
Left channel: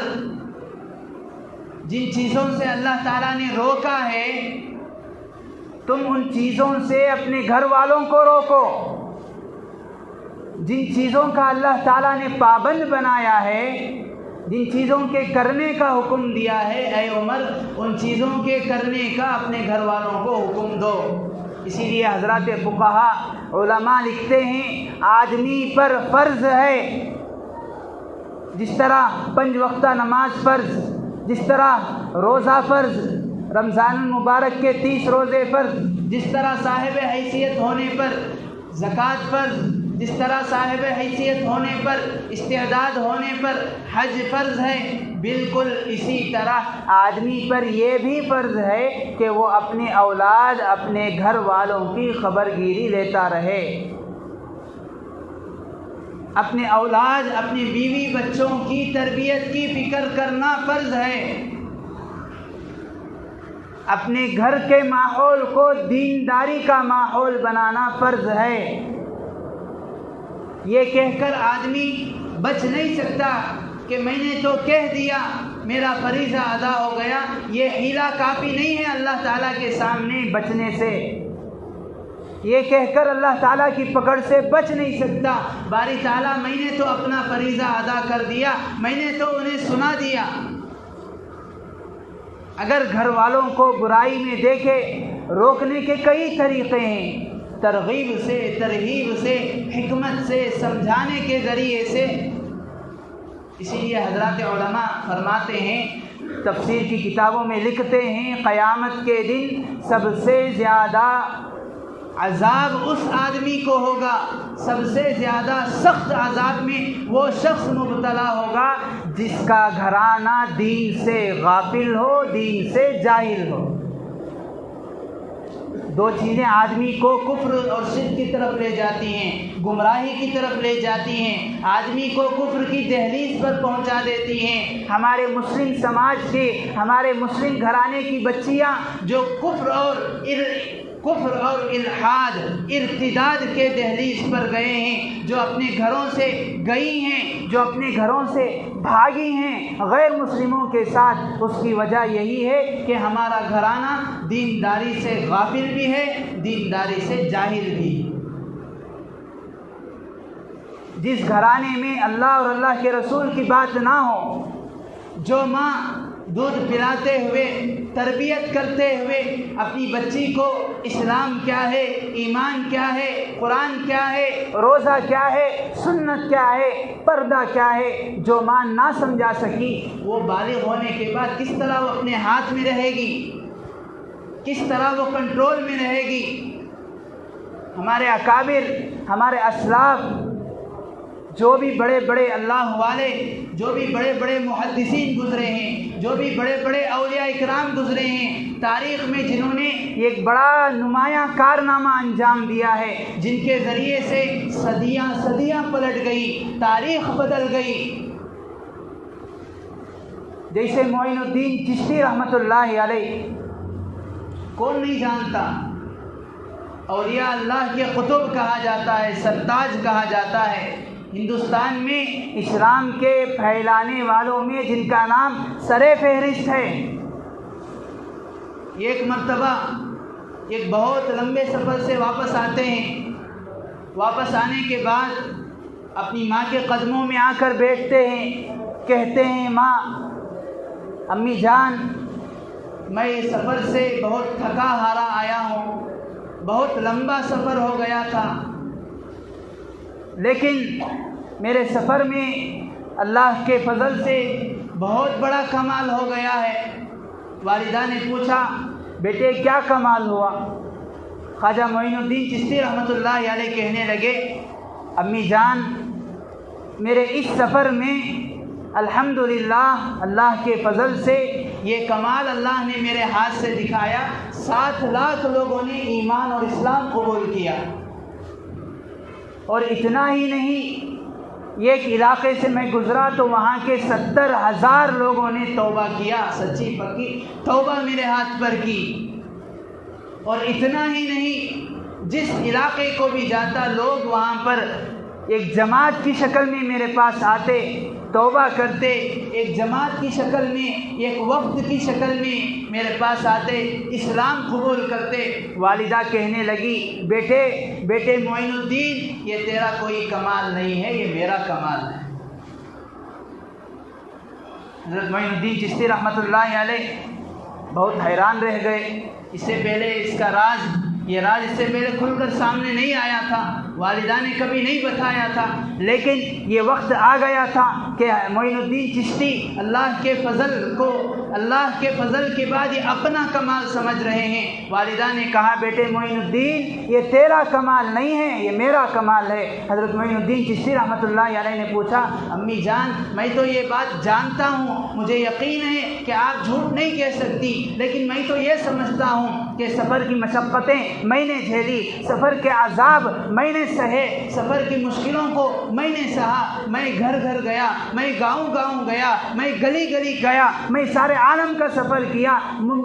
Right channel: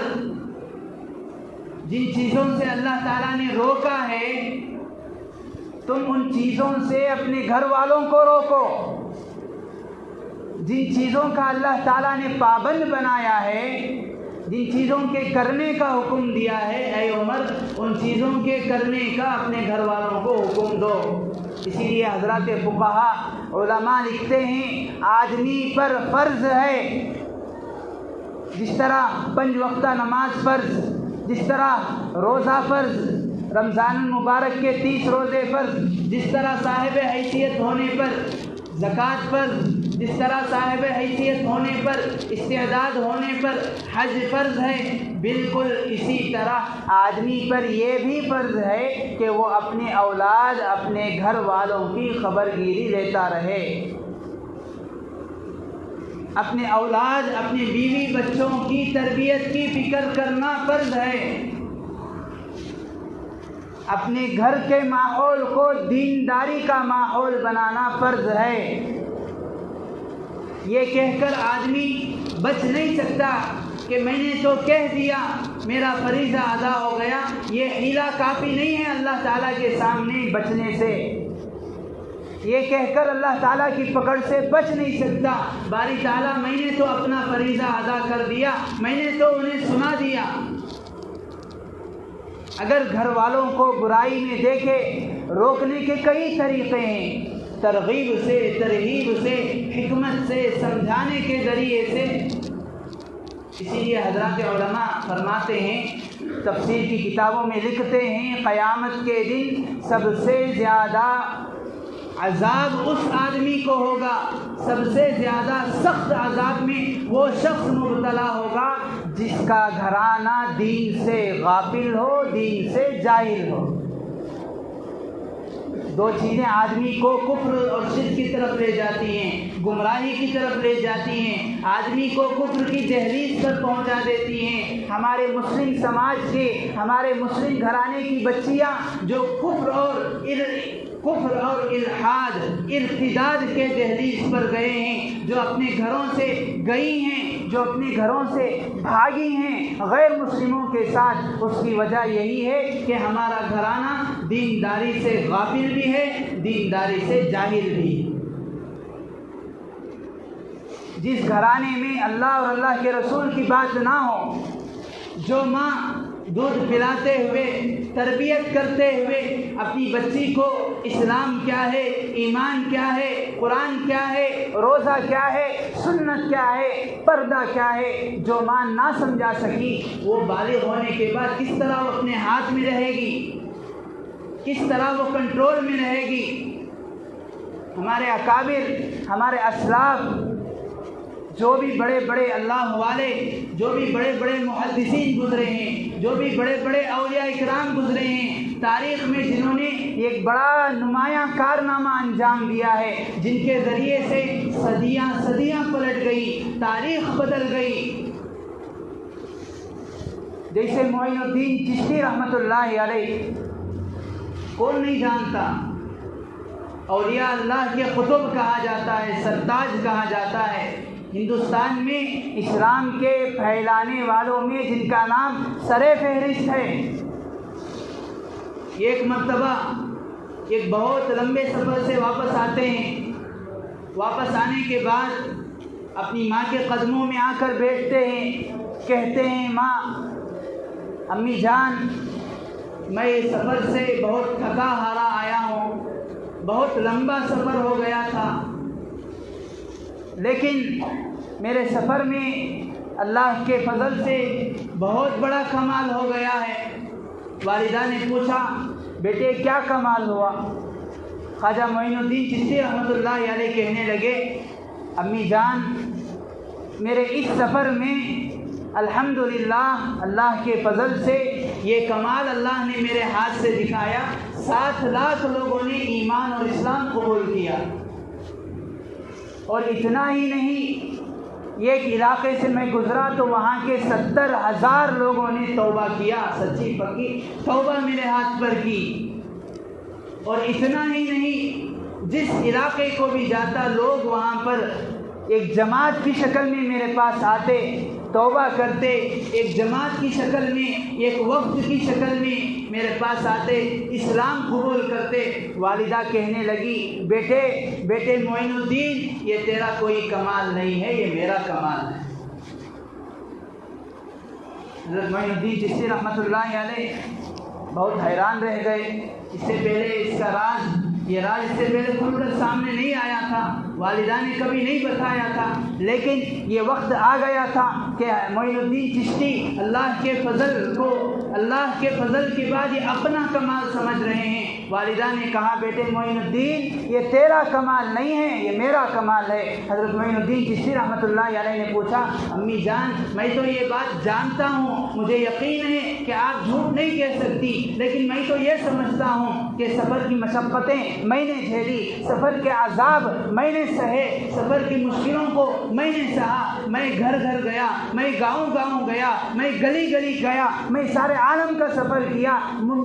جن چیزوں سے اللہ تعالیٰ نے روکا ہے تم ان چیزوں سے اپنے گھر والوں کو روکو، جن چیزوں کا اللہ تعالیٰ نے پابند بنایا ہے، جن چیزوں کے کرنے کا حکم دیا ہے، اے عمر ان چیزوں کے کرنے کا اپنے گھر والوں کو حکم دو۔ اسی لیے حضرات فقہا علماء لکھتے ہیں، آدمی پر فرض ہے، جس طرح 5 وقتہ نماز فرض، جس طرح روزہ فرض، رمضان المبارک کے 30 روزے فرض، جس طرح صاحب حیثیت ہونے پر زکوٰۃ فرض، جس طرح صاحب حیثیت ہونے پر، استعداد ہونے پر حج فرض ہے، بالکل اسی طرح آدمی پر یہ بھی فرض ہے کہ وہ اپنے اولاد، اپنے گھر والوں کی خبرگیری لیتا رہے، اپنے اولاد، اپنے بیوی بچوں کی تربیت کی فکر کرنا فرض ہے، اپنے گھر کے ماحول کو دینداری کا ماحول بنانا فرض ہے۔ یہ کہہ کر آدمی بچ نہیں سکتا کہ میں نے تو کہہ دیا میرا فریضہ ادا ہو گیا، یہ حیلہ کافی نہیں ہے اللہ تعالیٰ کے سامنے بچنے سے، یہ کہہ کر اللہ تعالیٰ کی پکڑ سے بچ نہیں سکتا، باری تعالیٰ میں نے تو اپنا فریضہ ادا کر دیا، میں نے تو انہیں سنا دیا۔ اگر گھر والوں کو برائی میں دیکھے، روکنے کے کئی طریقے ہیں، ترغیب سے، ترہیب سے، حکمت سے، سمجھانے کے ذریعے سے۔ اسی لیے حضرات علماء فرماتے ہیں، تفسیر کی کتابوں میں لکھتے ہیں، قیامت کے دن سب سے زیادہ عذاب اس آدمی کو ہوگا، سب سے زیادہ سخت عذاب میں وہ شخص مبتلا ہوگا جس کا گھرانہ دین سے غافل ہو، دین سے جاہل ہو۔ دو چیزیں آدمی کو کفر اور شرک کی طرف لے جاتی ہیں، گمراہی کی طرف لے جاتی ہیں، آدمی کو کفر کی دہلیز پر پہنچا دیتی ہیں۔ ہمارے مسلم سماج کے، ہمارے مسلم گھرانے کی بچیاں جو کفر اور الحاد، ارتداد کے دہلیز پر گئے ہیں، جو اپنے گھروں سے گئی ہیں، جو اپنے گھروں سے بھاگی ہیں غیر مسلموں کے ساتھ، اس کی وجہ یہی ہے کہ ہمارا گھرانہ دینداری سے غافل بھی ہے، دینداری سے جاہل بھی ہے۔ جس گھرانے میں اللہ اور اللہ کے رسول کی بات نہ ہو، جو ماں دودھ پلاتے ہوئے، تربیت کرتے ہوئے اپنی بچی کو اسلام کیا ہے، ایمان کیا ہے، قرآن کیا ہے، روزہ کیا ہے، سنت کیا ہے، پردہ کیا ہے، جو ماں نہ سمجھا سکی، وہ بالغ ہونے کے بعد کس طرح وہ اپنے ہاتھ میں رہے گی، کس طرح وہ کنٹرول میں رہے گی۔ ہمارے اکابر، ہمارے اسلاف، جو بھی بڑے بڑے اللہ والے، جو بھی بڑے بڑے محدثین گزرے ہیں، جو بھی بڑے بڑے اولیاء اکرام گزرے ہیں تاریخ میں، جنہوں نے ایک بڑا نمایاں کارنامہ انجام دیا ہے، جن کے ذریعے سے صدیاں پلٹ گئی، تاریخ بدل گئی، جیسے معین الدین چشتی رحمۃ اللہ علیہ، کون نہیں جانتا، اولیاء اللہ کے قطب کہا جاتا ہے، سرتاج کہا جاتا ہے۔ ہندوستان میں اسلام کے پھیلانے والوں میں جن کا نام سر فہرست ہے۔ ایک مرتبہ ایک بہت لمبے سفر سے واپس آتے ہیں، واپس آنے کے بعد اپنی ماں کے قدموں میں آ کر بیٹھتے ہیں، کہتے ہیں ماں، امی جان، میں اس سفر سے بہت تھکا ہارا آیا ہوں، بہت لمبا سفر ہو گیا تھا، لیکن میرے سفر میں اللہ کے فضل سے بہت بڑا کمال ہو گیا ہے۔ والدہ نے پوچھا، بیٹے کیا کمال ہوا؟ خواجہ معین الدین چشتی رحمۃ اللہ علیہ کہنے لگے، امی جان، میرے اس سفر میں الحمدللہ اللہ کے فضل سے یہ کمال اللہ نے میرے ہاتھ سے دکھایا، 7 لاکھ لوگوں نے ایمان اور اسلام قبول کیا۔ اور اتنا ہی نہیں، ایک علاقے سے میں گزرا تو وہاں کے 70,000 لوگوں نے توبہ کیا، سچی پکی توبہ میرے ہاتھ پر کی۔ اور اتنا ہی نہیں، جس علاقے کو بھی جاتا لوگ وہاں پر ایک جماعت کی شکل میں میرے پاس آتے، توبہ کرتے، ایک جماعت کی شکل میں، ایک وقت کی شکل میں میرے پاس آتے، اسلام قبول کرتے۔ والدہ کہنے لگی، بیٹے معین الدین، یہ تیرا کوئی کمال نہیں ہے، یہ میرا کمال ہے۔ حضرت معین الدین چشتی رحمۃ اللہ علیہ بہت حیران رہ گئے۔ اس سے پہلے اس کا یہ راز اس سے پہلے کھل کر سامنے نہیں آیا تھا، والدہ نے کبھی نہیں بتایا تھا، لیکن یہ وقت آ گیا تھا کہ معین الدین چشتی اللہ کے فضل کے بعد یہ اپنا کمال سمجھ رہے ہیں۔ والدہ نے کہا، بیٹے معین الدین، یہ تیرا کمال نہیں ہے، یہ میرا کمال ہے۔ حضرت معین الدین چشتی رحمۃ اللہ علیہ نے پوچھا، امی جان، میں تو یہ بات جانتا ہوں، مجھے یقین ہے کہ آپ جھوٹ نہیں کہہ سکتی، لیکن میں تو یہ سمجھتا ہوں کہ سفر کی مشقتیں میں نے جھیلی، سفر کے عذاب میں نے سہے، سفر کی مشکلوں کو میں نے سہا، میں گھر گھر گیا، میں گاؤں گیا، میں گلی گیا، میں سارے عالم کا سفر کیا،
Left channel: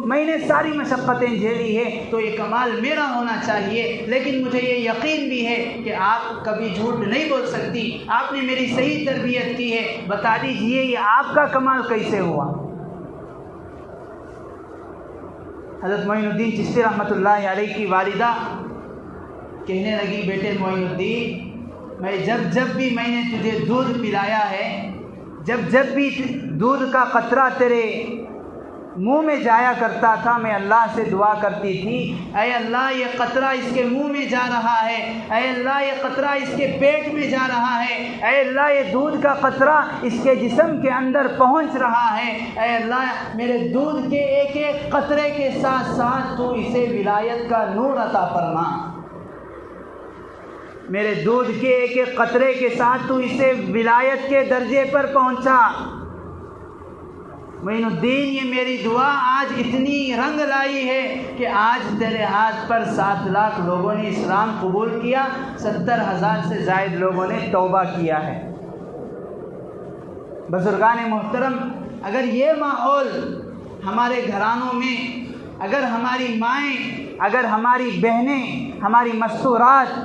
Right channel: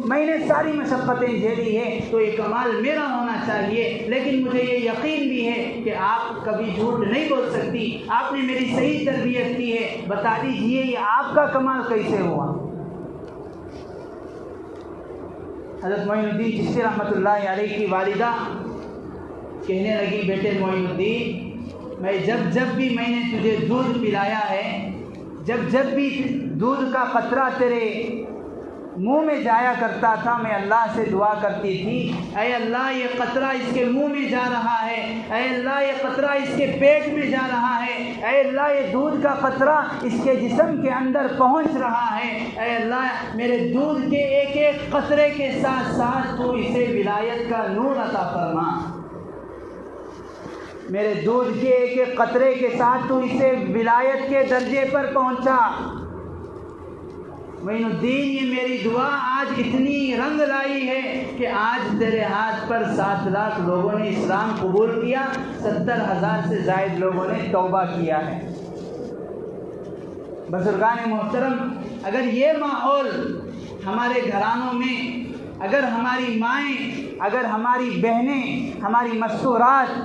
میں نے ساری مشقتیں جھیلی ہے، تو یہ کمال میرا ہونا چاہیے۔ لیکن مجھے یہ یقین بھی ہے کہ آپ کبھی جھوٹ نہیں بول سکتی، آپ نے میری صحیح تربیت کی ہے، بتا دیجئے یہ آپ کا کمال کیسے ہوا؟ حضرت معین الدین چشتی رحمۃ اللہ علیہ کی والدہ کہنے لگی، بیٹے معین الدین، میں جب بھی میں نے تجھے دودھ پلایا ہے، جب بھی دودھ کا قطرہ تیرے منہ میں جایا کرتا تھا، میں اللہ سے دعا کرتی تھی، اے اللہ یہ قطرہ اس کے منہ میں جا رہا ہے، اے اللہ یہ قطرہ اس کے پیٹ میں جا رہا ہے، اے اللہ یہ دودھ کا قطرہ اس کے جسم کے اندر پہنچ رہا ہے، اے اللہ میرے دودھ کے ایک ایک قطرے کے ساتھ ساتھ تو اسے ولایت کا نور عطا فرما، میرے دودھ کے ایک ایک قطرے کے ساتھ تو اسے ولایت کے درجے پر پہنچا۔ معین الدین یہ میری دعا آج اتنی رنگ لائی ہے کہ آج تیرے ہاتھ پر 7 لاکھ لوگوں نے اسلام قبول کیا، 70,000 سے زائد لوگوں نے توبہ کیا ہے۔ بزرگان محترم، اگر یہ ماحول ہمارے گھرانوں میں، اگر ہماری مائیں، اگر ہماری بہنیں، ہماری مستورات،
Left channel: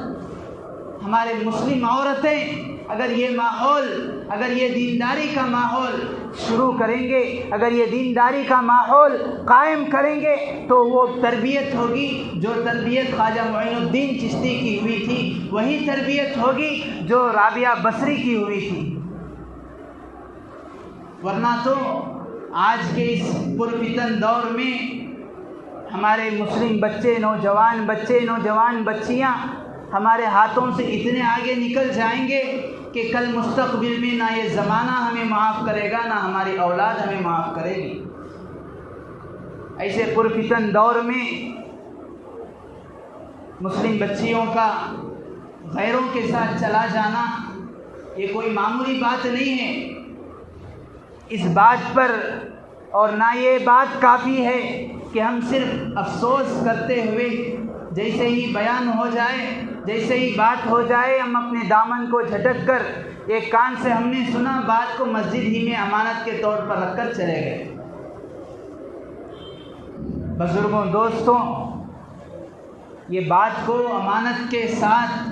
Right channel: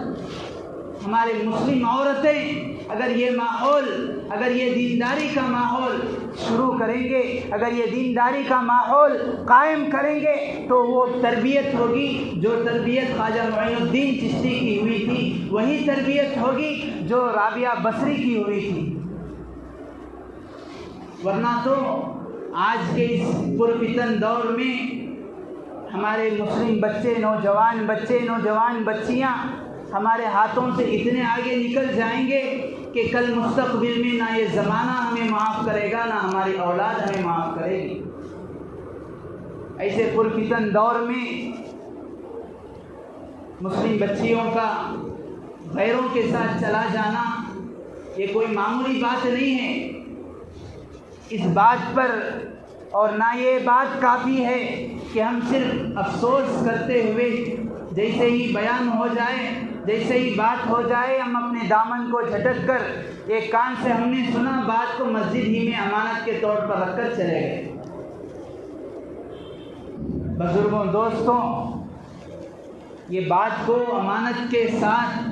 ہمارے مسلم عورتیں اگر یہ ماحول، اگر یہ دینداری کا ماحول شروع کریں گے، اگر یہ دینداری کا ماحول قائم کریں گے تو وہ تربیت ہوگی جو تربیت خواجہ معین الدین چشتی کی ہوئی تھی، وہی تربیت ہوگی جو رابعہ بصری کی ہوئی تھی۔ ورنہ تو آج کے اس پرفتن دور میں ہمارے مسلم بچے، نوجوان بچیاں ہمارے ہاتھوں سے اتنے آگے نکل جائیں گے کہ کل مستقبل میں نہ یہ زمانہ ہمیں معاف کرے گا، نہ ہماری اولاد ہمیں معاف کرے گی۔ ایسے پرفتن دور میں مسلم بچیوں کا غیروں کے ساتھ چلا جانا یہ کوئی معمولی بات نہیں ہے۔ اس بات پر اور نہ یہ بات کافی ہے کہ ہم صرف افسوس کرتے ہوئے جیسے ہی بیان ہو جائے، جیسے ہی بات ہو جائے، ہم اپنے دامن کو جھٹک کر ایک کان سے ہم نے سنا بات کو مسجد ہی میں امانت کے طور پر رکھ کر چلے گئے۔ بزرگوں، دوستوں، یہ بات کو امانت کے ساتھ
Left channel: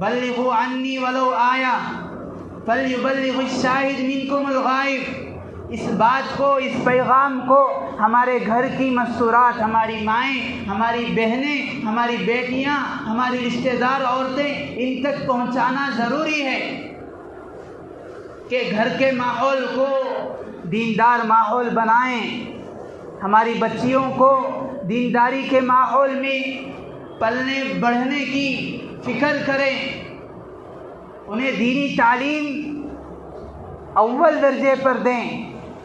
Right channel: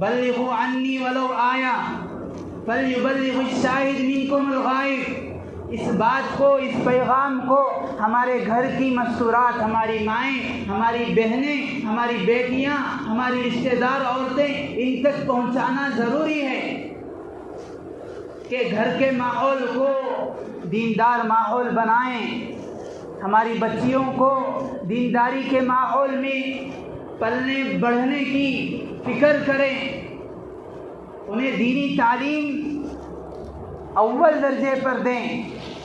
بلغوا عنی ولو آیا فلیبلغ الشاہد منکم الغائب، اس بات کو، اس پیغام کو ہمارے گھر کی مستورات، ہماری مائیں، ہماری بہنیں، ہماری بیٹیاں، ہماری رشتہ دار عورتیں ان تک پہنچانا ضروری ہے کہ گھر کے ماحول کو دیندار ماحول بنائیں، ہماری بچیوں کو دینداری کے ماحول میں پلنے بڑھنے کی فکر کریں، انہیں دینی تعلیم اول درجے پر دیں۔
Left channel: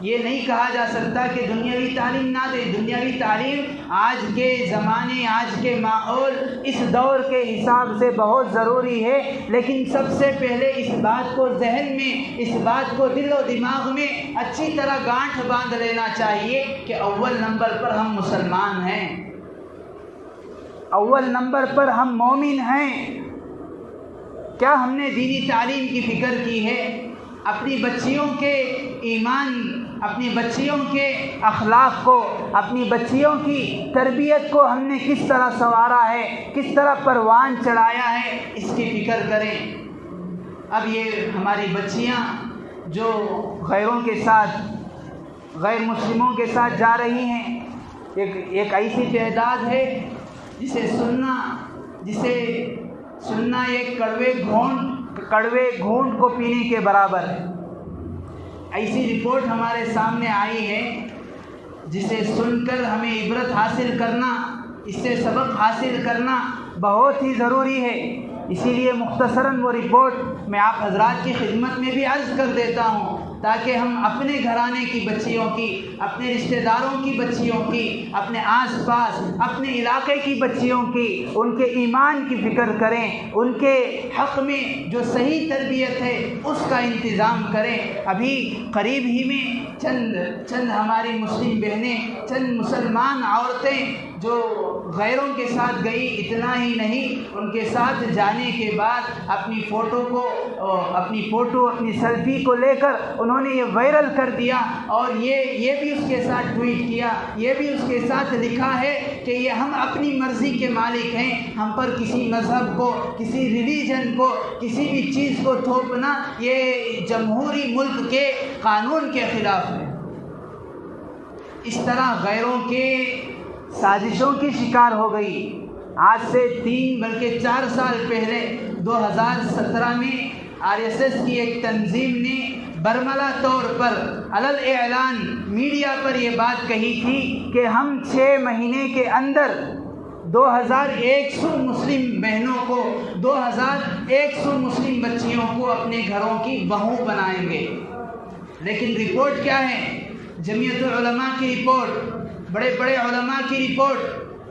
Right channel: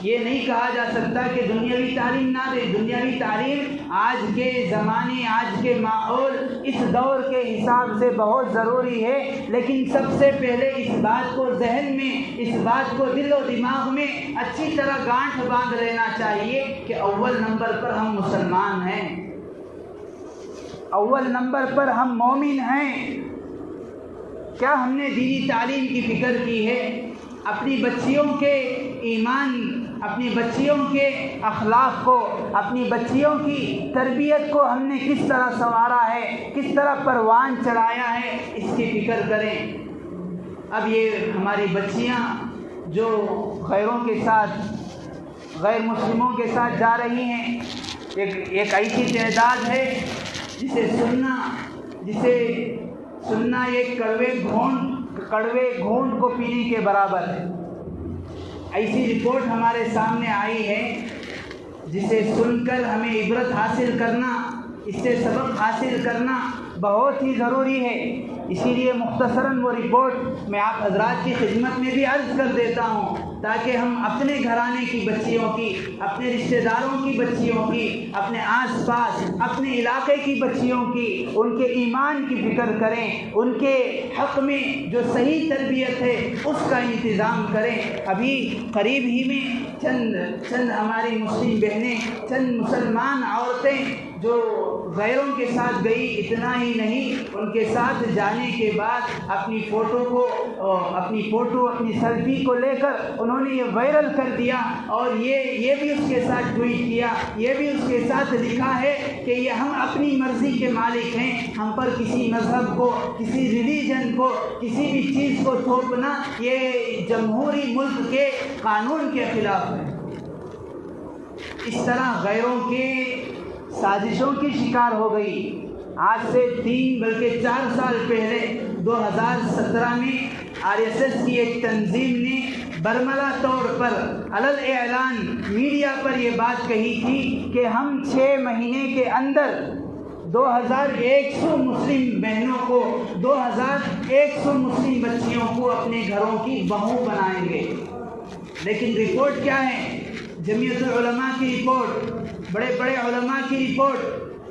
یہ نہیں کہا جا سکتا کہ دنیاوی تعلیم نہ دیں، دنیاوی تعلیم آج کے زمانے، آج کے ماحول، اس دور کے حساب سے بہت ضروری ہے، لیکن سب سے پہلے اس بات کو ذہن میں، اس بات کو دل و دماغ میں اچھی طرح گانٹھ باندھ لینا چاہیے کہ اول نمبر پر ہم مسلمان ہیں، اول نمبر پر ہم مومن ہیں۔ کیا ہم نے دینی تعلیم کی فکر کی ہے؟ اپنی بچیوں کے ایمان، اپنی بچیوں کے اخلاق کو، اپنی بچیوں کی تربیت کو ہم نے کس طرح سنوارا ہے، کس طرح پروان چڑھایا ہے، اس کی فکر کریں۔ اب یہ ہماری بچیاں جو غیروں کے ساتھ، غیر مسلموں کے ساتھ جا رہی ہیں، ایک ایسی تعداد ہے جسے سننا ایک کڑوے گھونٹ کو پینے کے برابر ہے۔ ایسی رپورٹ ہمارے سامنے آئی ہے جسے سن کر ہمیں عبرت حاصل کرنا، اس سے سبق حاصل کرنا بہت ہی ضروری ہے۔ اسی لیے مختصراً وہ رپورٹ میں آپ حضرات کی خدمت میں بھی عرض کر دیتا ہوں تاکہ ہم اپنے گھرانے کی بچیوں کی، اپنے رشتہ داروں کی بچیوں کی، اپنے آس پاس، اپنے علاقے کی بچیوں کی، ان کے ایمان کی فکر کریں، ان کے حق میں جو صحیح تربیت ہے اس کا انتظام کریں۔ ابھی قریب ہی میں چند ہماری مسلم بہنیں، چند مسلمان عورتیں جو غیروں کے ساتھ گئی، اتنا ہی نہیں، ان کے ساتھ جانے کے بعد اپنی فوٹو اپنی سیلفی کو لے کر انہوں نے یہ وائرل کر دیا، اور یہ بھی اس کے ساتھ ٹویٹ کیا، یہ بھی اس کے ساتھ لکھا ہے کہ یہ ہم اپنی مرضی کے مالک ہیں، ہم پر کسی مذہب کو، کسی ریلیجن کو، کسی بھی چیز کو تھوپنا یہ جمہوری ملک کے قانون کے خلاف ہے۔ اس طرح غیروں کے سازشوں کی شکار ہو گئی۔ آج سے 3 بلکہ 4 سال پہلے 2017 میں RSS کی ایک تنظیم نے برملا طور پر علل اعلان میڈیا پر یہ بات کہی تھی کہ ہم 6 مہینے کے اندر 2100 مسلم بہنوں کو، 2100 مسلم بچیوں کو اپنے گھروں کی بہو بنائیں گے۔ لیکن رپورٹ کیا ہے؟ جمعیت العلماء کی رپورٹ بڑے بڑے علماء کی رپورٹ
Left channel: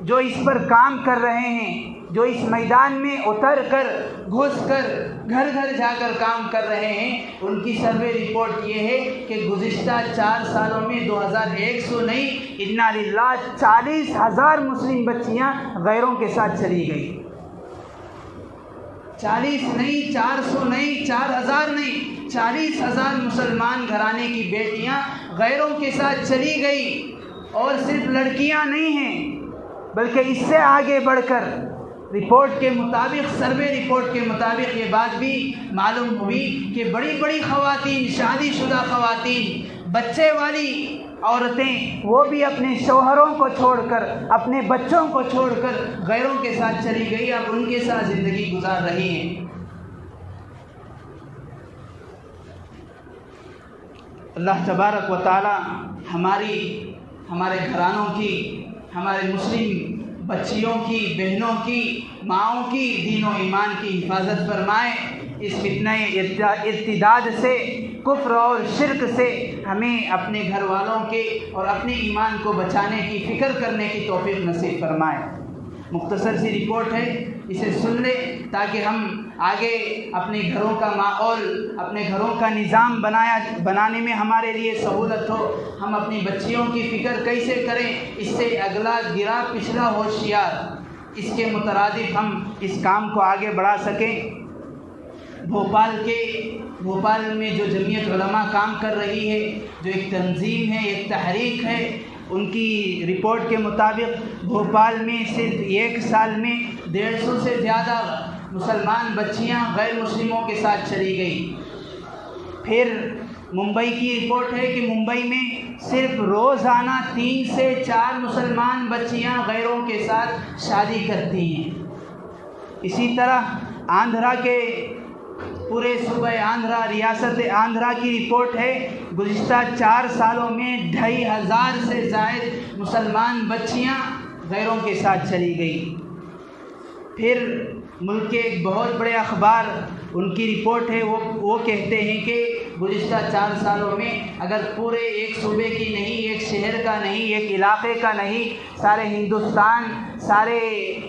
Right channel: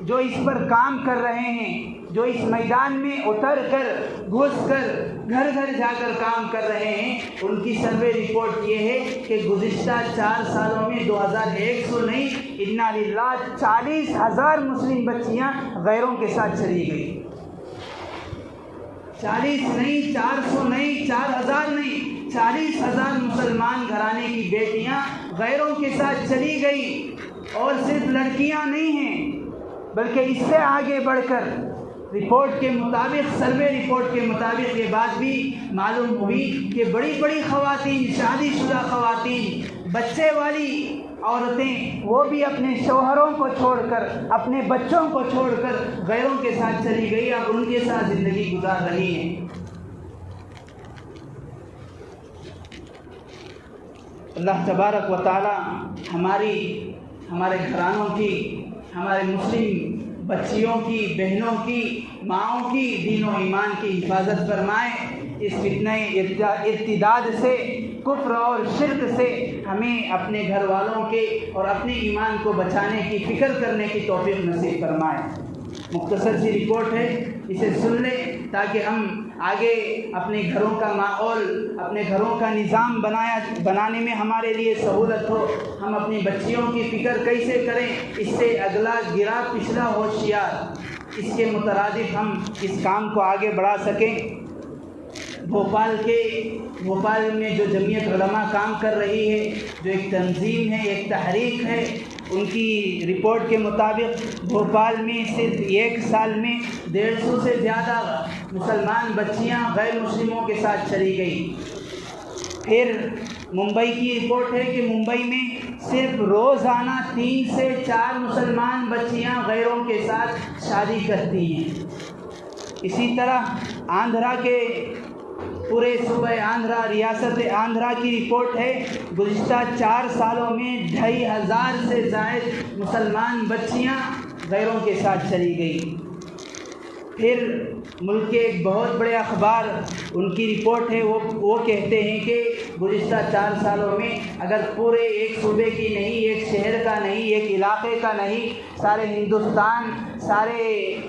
جو اس پر کام کر رہے ہیں، جو اس میدان میں اتر کر گھس کر گھر گھر جا کر کام کر رہے ہیں، ان کی سروے رپورٹ یہ ہے کہ گزشتہ 4 سالوں میں 2100 نہیں، انا للہ 40,000 مسلم بچیاں غیروں کے ساتھ چلی گئی۔ 40 نہیں، 400 نہیں، 4000 نہیں، 40,000 مسلمان گھرانے کی بیٹیاں غیروں کے ساتھ چلی گئی۔ اور صرف لڑکیاں نہیں ہیں بلکہ اس سے آگے بڑھ کر رپورٹ کے مطابق، سروے رپورٹ کے مطابق یہ بات بھی معلوم ہوئی کہ بڑی بڑی خواتین، شادی شدہ خواتین، بچے والی عورتیں، وہ بھی اپنے شوہروں کو چھوڑ کر، اپنے بچوں کو چھوڑ کر غیروں کے ساتھ چلی گئی، اب ان کے ساتھ زندگی گزار رہی ہیں۔ اللہ تبارک و تعالی ہمارے گھرانوں کی، ہمارے مسلم بچیوں کی، بہنوں کی، ماؤں کی دین و ایمان کی حفاظت فرمائے۔ اس فتنہ ارتداد سے، کفر اور شرک سے ہمیں اپنے گھر والوں کے اور اپنے ایمان کو بچانے کی فکر کرنے کی توفیق نصیب فرمائے۔ مختصر سی رپورٹ ہے، اسے سن لیں تاکہ ہم آگے اپنے گھروں کا ماحول، اپنے گھروں کا نظام بنانے میں ہمارے لیے سہولت ہو۔ ہم اپنی بچیوں کی فکر کیسے کریں، اس سے اگلا گرا پچھلا ہوشیار، اس کے مترادف ہم اس کام کو آگے بڑھا سکیں۔ بھوپال میں جو جمعیت علماء کام کر رہی ہے، جو ایک تنظیم ہے، ایک تحریک ہے، ان کی رپورٹ کے مطابق بھوپال میں صرف 1 سال میں 150 سے زیادہ مسلمان بچیاں غیر مسلموں کے ساتھ چلی گئی۔ پھر ممبئی کی رپورٹ ہے کہ ممبئی میں صرف روزانہ 3 سے 4 مسلمان بچیاں غیروں کے ساتھ شادی کرتی ہیں۔ اسی طرح آندھرا کے پورے صوبہ آندھرا، ریاست آندھرا کی رپورٹ ہے، گزشتہ 4 سالوں میں 2500 سے زائد مسلمان بچیاں غیروں کے ساتھ چلی گئی۔ پھر ملک کے ایک بہت بڑے اخبار، ان کی رپورٹ ہے، وہ کہتے ہیں کہ گزشتہ 4 سالوں میں اگر پورے ایک صوبے کی نہیں، ایک شہر کا نہیں، ایک علاقے کا نہیں، سارے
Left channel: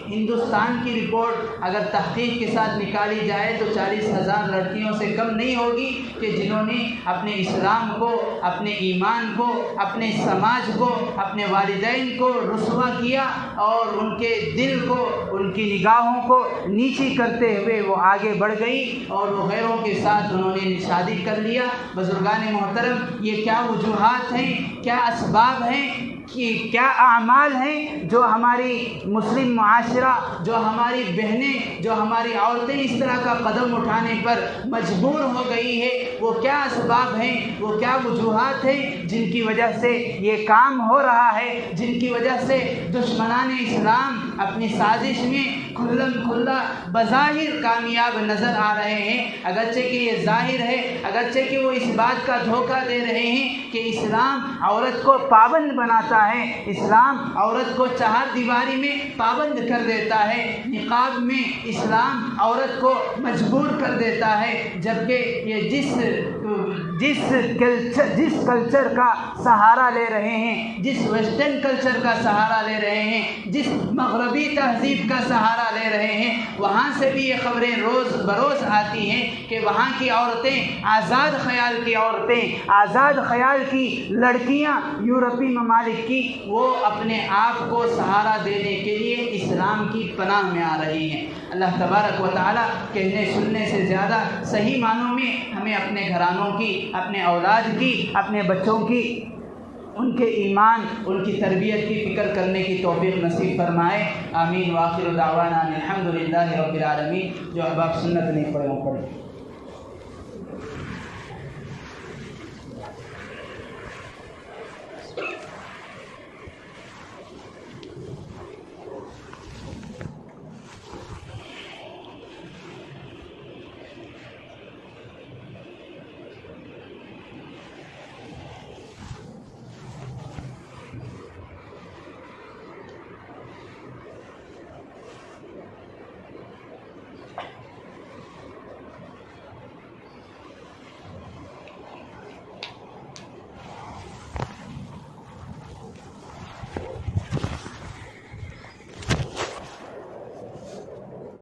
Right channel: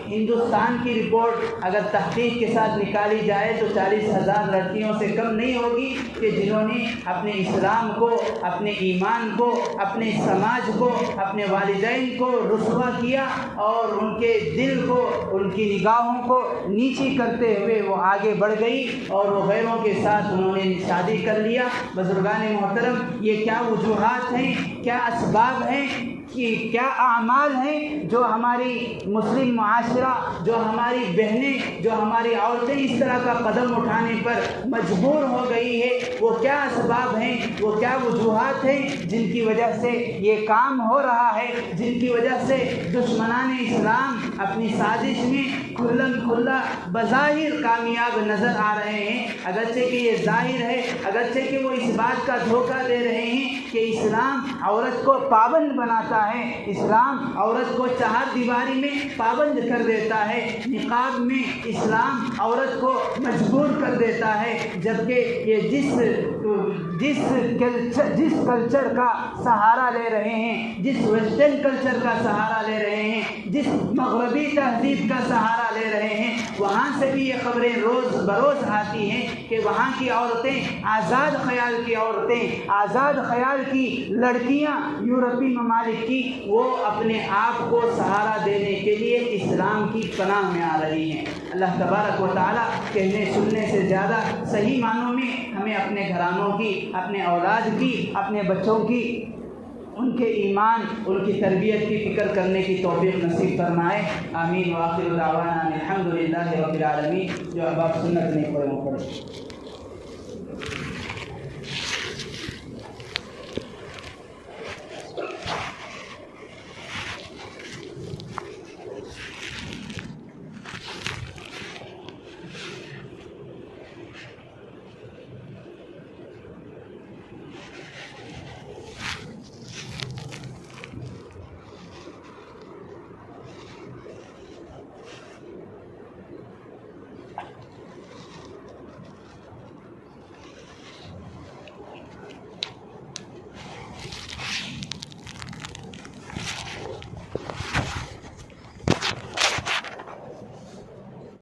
ہندوستان کی رپورٹ اگر تحقیق کے ساتھ نکالی جائے تو 40,000 لڑکیوں سے کم نہیں ہوگی کہ جنہوں نے اپنے اسلام کو، اپنے ایمان کو، اپنے سماج کو، اپنے والدین کو رسوا کیا اور ان کے دل کو، ان کی نگاہوں کو نیچی کرتے ہوئے وہ آگے بڑھ گئی اور وہ غیروں کے ساتھ انہوں نے شادی کر لیا۔ بزرگان محترم، یہ کیا وجوہات ہیں، کیا اسباب ہیں، کہ کیا اعمال ہیں جو ہماری مسلم معاشرہ، جو ہماری بہنیں، جو ہماری عورتیں اس طرح کا قدم اٹھانے پر مجبور ہو گئی ہے؟ وہ کیا اسباب ہیں، وہ کیا وجوہات ہیں جن کی وجہ سے یہ کام ہو رہا ہے، جن کی وجہ سے دشمنان اسلام اپنی سازش میں کھلم کھلا بظاہر کامیاب نظر آ رہے ہیں، اگرچہ کہ یہ ظاہر ہے، اگرچہ کہ وہ اس بات کا دھوکہ دے رہے ہیں کہ اسلام عورت کو پابند بناتا ہے، اسلام عورت کو 4 دیواری میں پابند کر دیتا ہے، نقاب میں اسلام عورت کو مجبور کر دیتا ہے، جبکہ یہ جس کلچر کا سہارا لے رہے ہیں، جس ویسٹرن کلچر کا سہارا لے رہے ہیں، جس مغربی تہذیب کا سہارا لے رہے ہیں، وہاں سے بھی یہ خبریں روز بروز آتی ہیں کہ وہاں کی عورتیں، آزاد خیال کی عورتیں، آزاد خیال کی لڑکیاں یورپی ممالک کی، وہ اپنے آپ کو سہارا دینے کے لیے اسلام کی پناہ میں آ رہی ہیں۔ اللہ تبارک و تعالیٰ کہنے سننے سے زیادہ صحیح معنوں میں ہمیں اپنے گھرانوں کی، اپنے اولاد کی، اپنے بچوں کی، ان کے ایمان، ان کی تربیت کی فکر کرنے کی توفیق نصیب فرمائے۔ آمین۔ وآخر دعوانا الحمدللہ رب العالمین۔ جو احباب سنت نہیں پڑھے وہ پڑھے۔